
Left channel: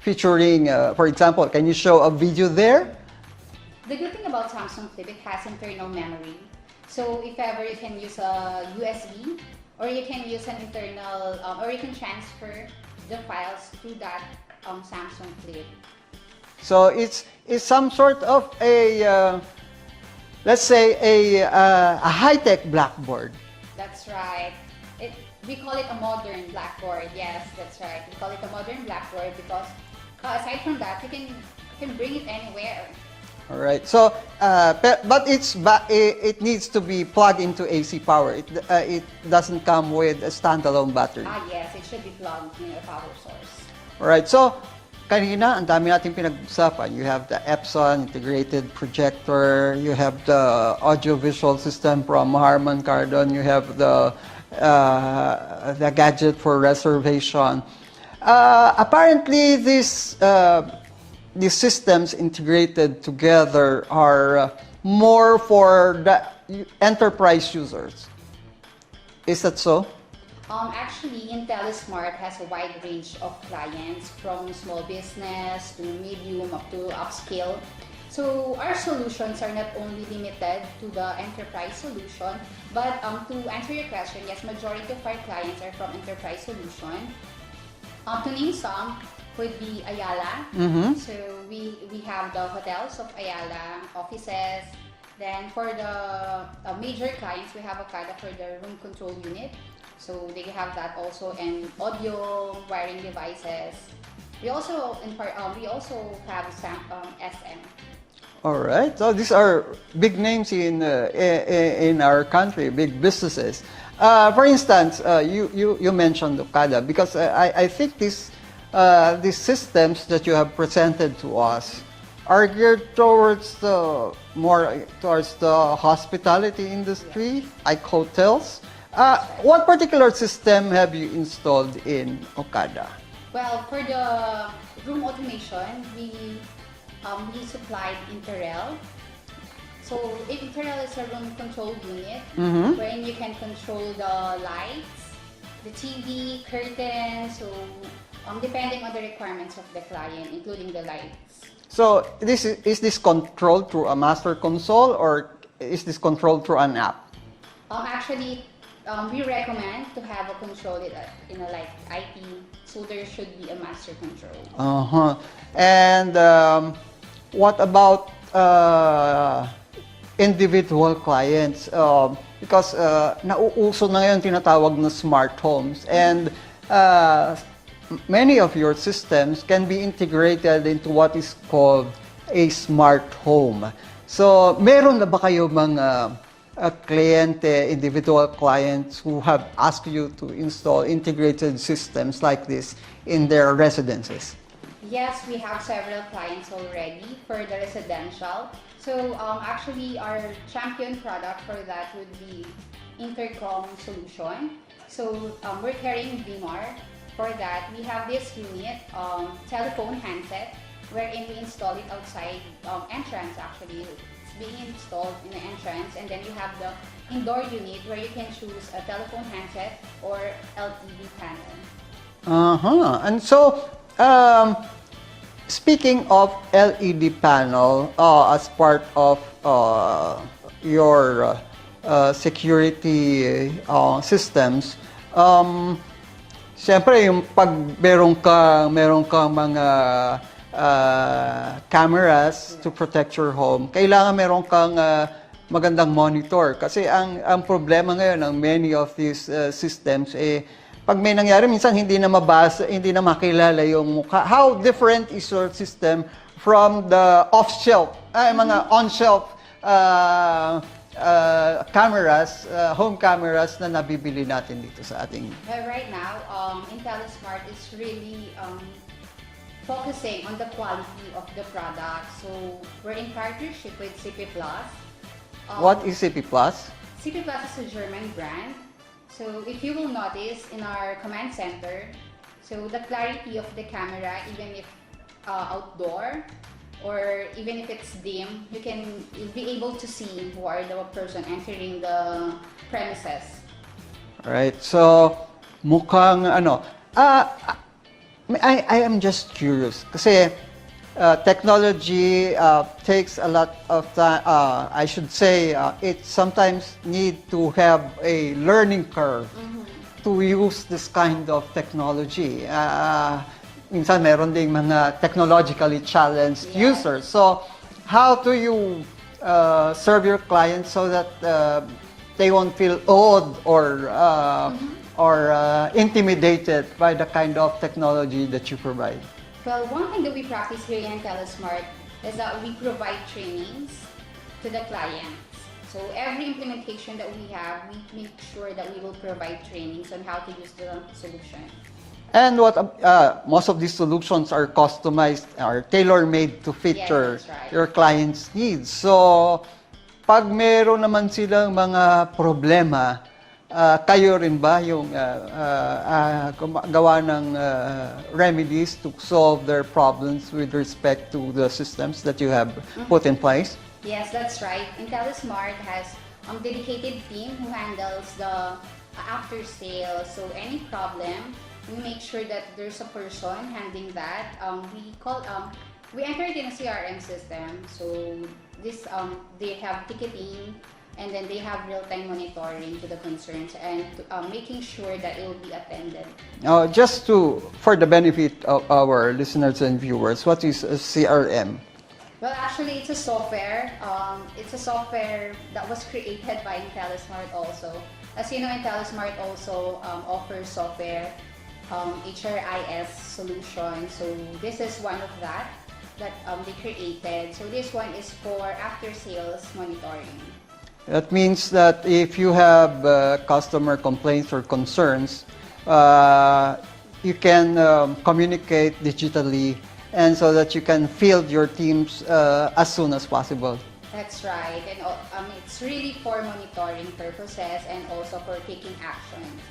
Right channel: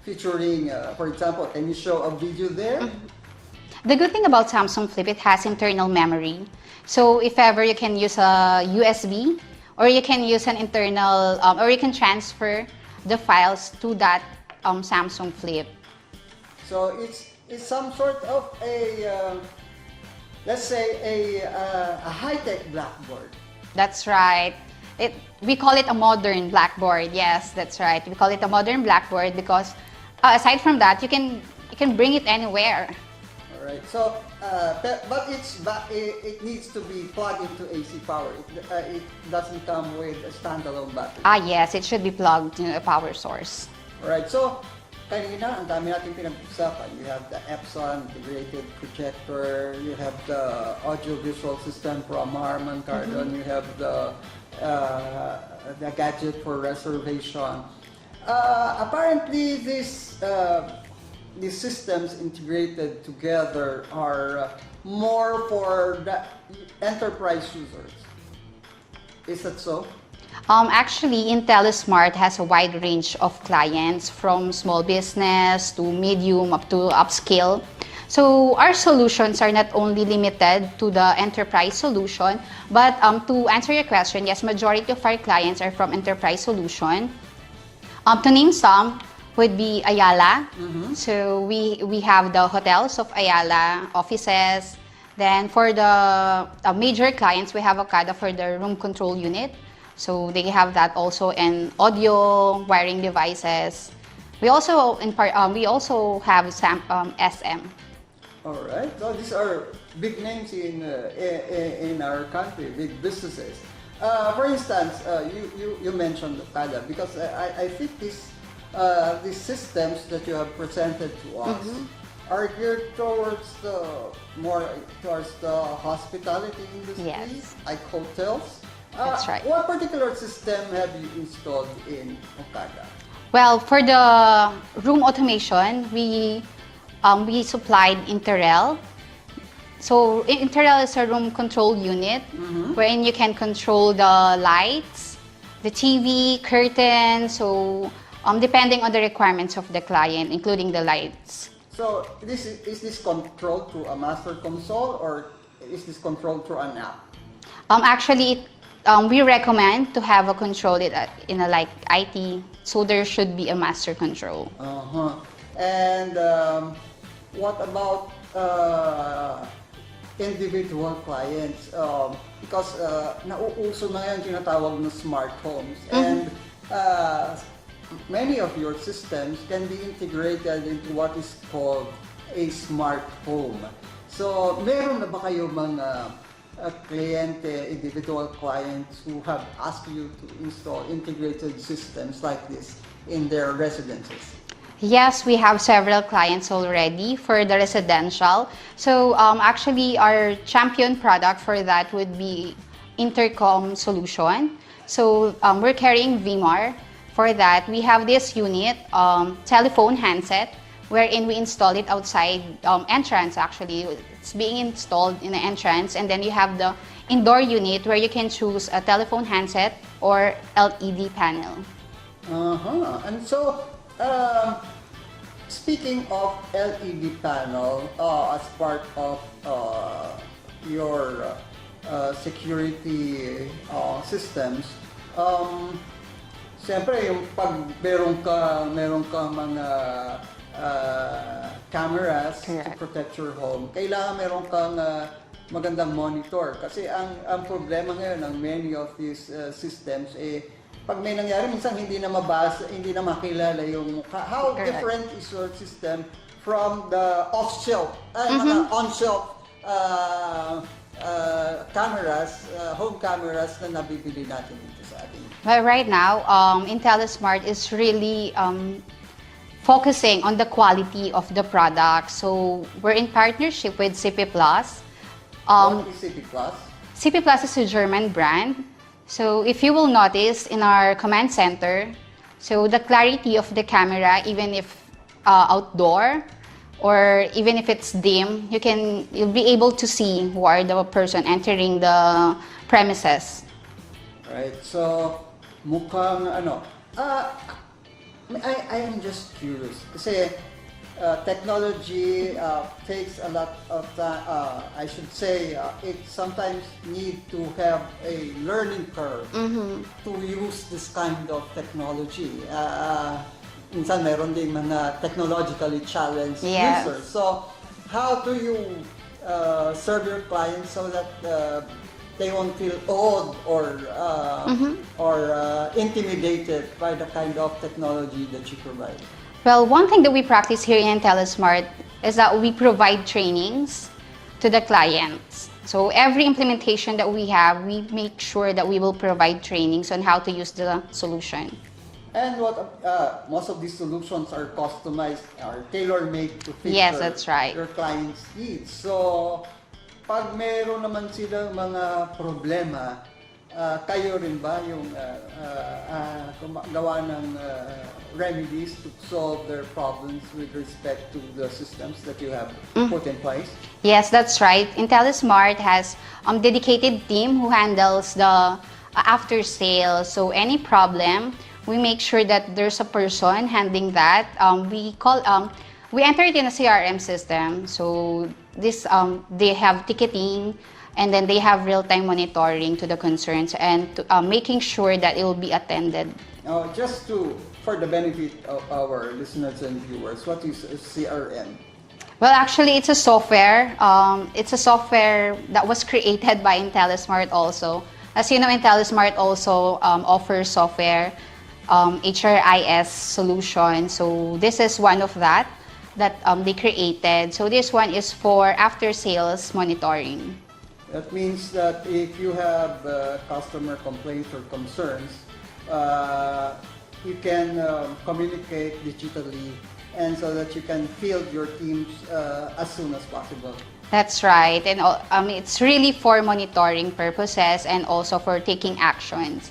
featuring, for example, can you show a video there? The good thing about Samsung Flip, it has internal memory. So if ever you can use a USB, or you can use an internal, or you can transfer the files to that Samsung Flip. So it's some sort of a, let's say, a high-tech blackboard. That's right. We call it a modern blackboard. Yes, that's right. We call it a modern blackboard because aside from that, you can bring it anywhere. All right. So, but it needs to be plugged into AC power. It doesn't come with a standalone battery. Yes, it should be plugged to a power source. All right. So, kanina, ang dami natin pinag-usapan. You have the Epson integrated projector. You have the audio-visual system from Harman Kardon. You have the gadget for reservation. Apparently, these systems integrated together are more for the enterprise users. Is that so? Actually, Intellismart has a wide range of clients from small business to medium up to upscale. So our solutions are not only limited to the enterprise solution, but to answer your question, yes, majority of our clients are from enterprise solution. To name some would be Ayala. So we have the hotels of Ayala, offices. Then for the major clients, we have Okada for the room control unit. So they have that also, and audio, wiring devices. We also have SM. All right. So these are big names in our country, big businesses. For instance, you mentioned Okada because I think these systems that you have presented to us are geared towards towards the hospitality industry, Yes. like hotels. That's right. What particular system have you installed in Okada? Well, for the room automation, we supplied Interel. So Interel is a room control unit wherein you can control the lights, the TV, curtains, so depending on the requirements of the client, including the lights. So is this controlled through a master console or is this controlled through an app? Actually, we recommend to have a control in a like IT, so there should be a master control. And what about individual clients? Because nauuso na ngayon tinatawag na smart homes, and many of your systems can be integrated into what is called a smart home. So, meron na ba kayo mga kliyente, individual clients who have asked you to install integrated systems like this in their residences? Yes, we have several clients already for the residential. So actually, our champion product for that would be intercom solution. So we're carrying VMAR. For that, we have this unit, telephone handset, wherein we install it outside entrance. Actually, it's being installed in the entrance, and then you have the indoor unit where you can choose a telephone handset or LED panel. And so, speaking of LED panel, as part of your security systems, siyempre yung pag meron kang mga cameras to protect your home, kailangan meron kang magandang monitor. Kasi ang problema ngayon ng many of these systems, pag may nangyari, minsan hindi na mabasa, hindi na makilala yung mukha. How different is your system from the off-shelf, mga on-shelf cameras, home cameras na nabibili natin dito sa ating... Well, right now, Intellismart is really focusing on the quality of the product. So we're in partnership with CP Plus. What is CP Plus? CP Plus is a German brand. So if you will notice in our command center, so the clarity of the camera, even if outdoor or even if it's dim, you'll be able to see who are the person entering the premises. Right. So mukhang I am just curious kasi technology takes a lot of time. I should say it sometimes need to have a learning curve to use this kind of technology. Minsan meron ding mga technologically challenged users. So how do you serve your clients so that they won't feel awed or intimidated by the kind of technology that you provide? Well, one thing that we practice here in Intellismart is that we provide trainings to the clients. So every implementation that we have, we make sure that we will provide trainings on how to use the solution. And most of these solutions are customized or tailor-made to fit that's right. your client's needs. So, pag meron naman silang mga problema, kayo rin ba yung gawa ng remedies to solve their problems with respect to the systems that you have put in place? Yes, that's right. Intellismart has a dedicated team who handles the after sales. So any problem, we make sure that there's a person handling that. We enter it in a CRM system. So this they have ticketing, and then they have real-time monitoring to the concerns and making sure that it will be attended. Just for the benefit of our listeners and viewers, what is a CRM? Well, actually, it's a software. It's a software that was created by Intellismart also. As you know, Intellismart also offers software, HRIS solution. So this is one of that they created. So this one is for after-sales monitoring. That means that if you have customer complaints or concerns, you can communicate digitally, and so that you can field your teams as soon as possible. That's right. And it's really for monitoring purposes and also for taking actions.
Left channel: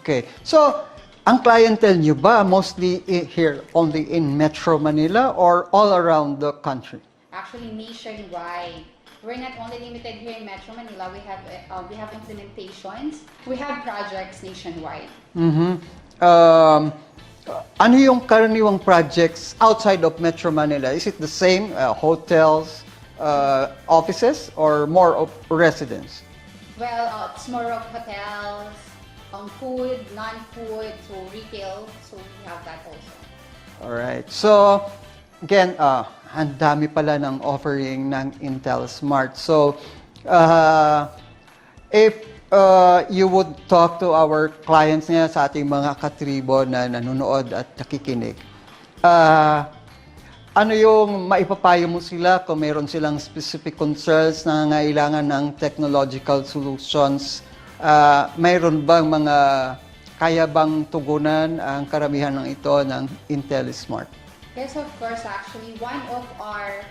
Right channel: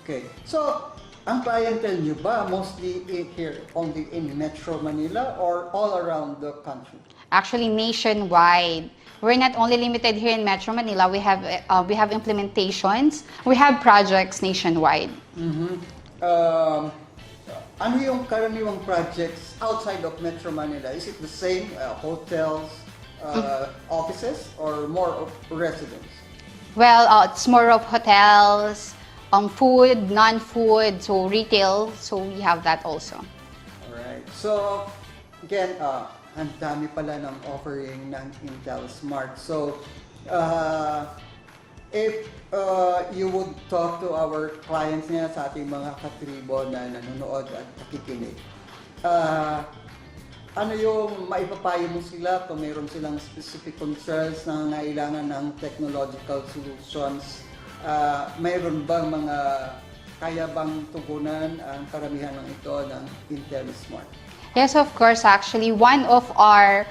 Okay. So, ang clientele nyo ba mostly here only in Metro Manila or all around the country? Actually, nationwide. We're not only limited here in Metro Manila. We have implementations. We have projects nationwide. Ano yung karaniwang projects outside of Metro Manila? Is it the same, hotels, offices, or more of residents? Well, it's more of hotels, food, non-food, so retail. So we have that also. Alright. So, again, ang dami pala ng offering ng Intellismart. So, if you would talk to our clients niya, sa ating mga katribo na nanonood at nakikinig, ano yung maipapayo mo sila kung mayroon silang specific concerns na nangailangan ng technological solutions? Mayroon bang mga kaya bang tugunan ang karamihan ng ito ng Intellismart? Yes, of course. Actually, one of our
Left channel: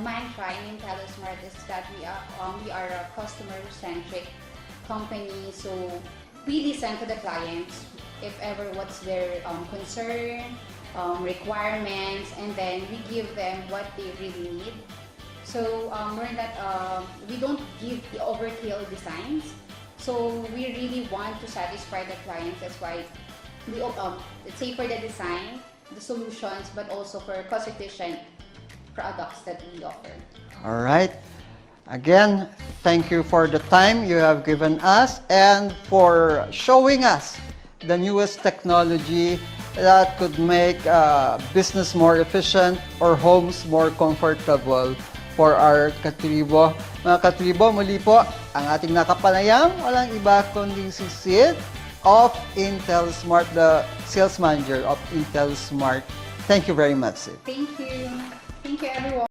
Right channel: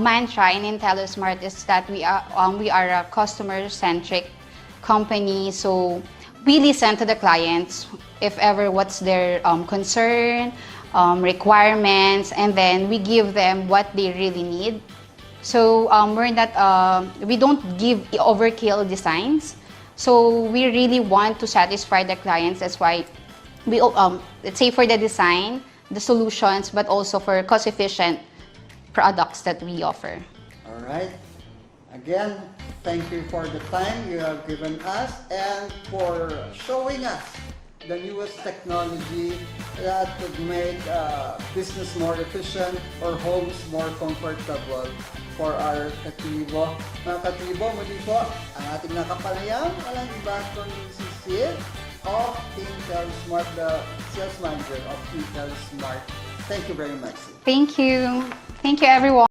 mantra in Intellismart is that we are a customer-centric company. So we listen to the clients if ever what's their concern, requirements, and then we give them what they really need. So we don't give overkill designs. So we really want to satisfy the clients. That's why we let's say for the design, the solutions, but also for cost-efficient products that we offer. All right. Again, thank you for the time you have given us and for showing us the newest technology that could make business more efficient or homes more comfortable for our katribo. Mga katribo, muli po, ang ating nakapanayam, walang iba kundi si Sid of Intellismart, the sales manager of Intellismart. Thank you very much, Sid. Thank you. Thank you, everyone.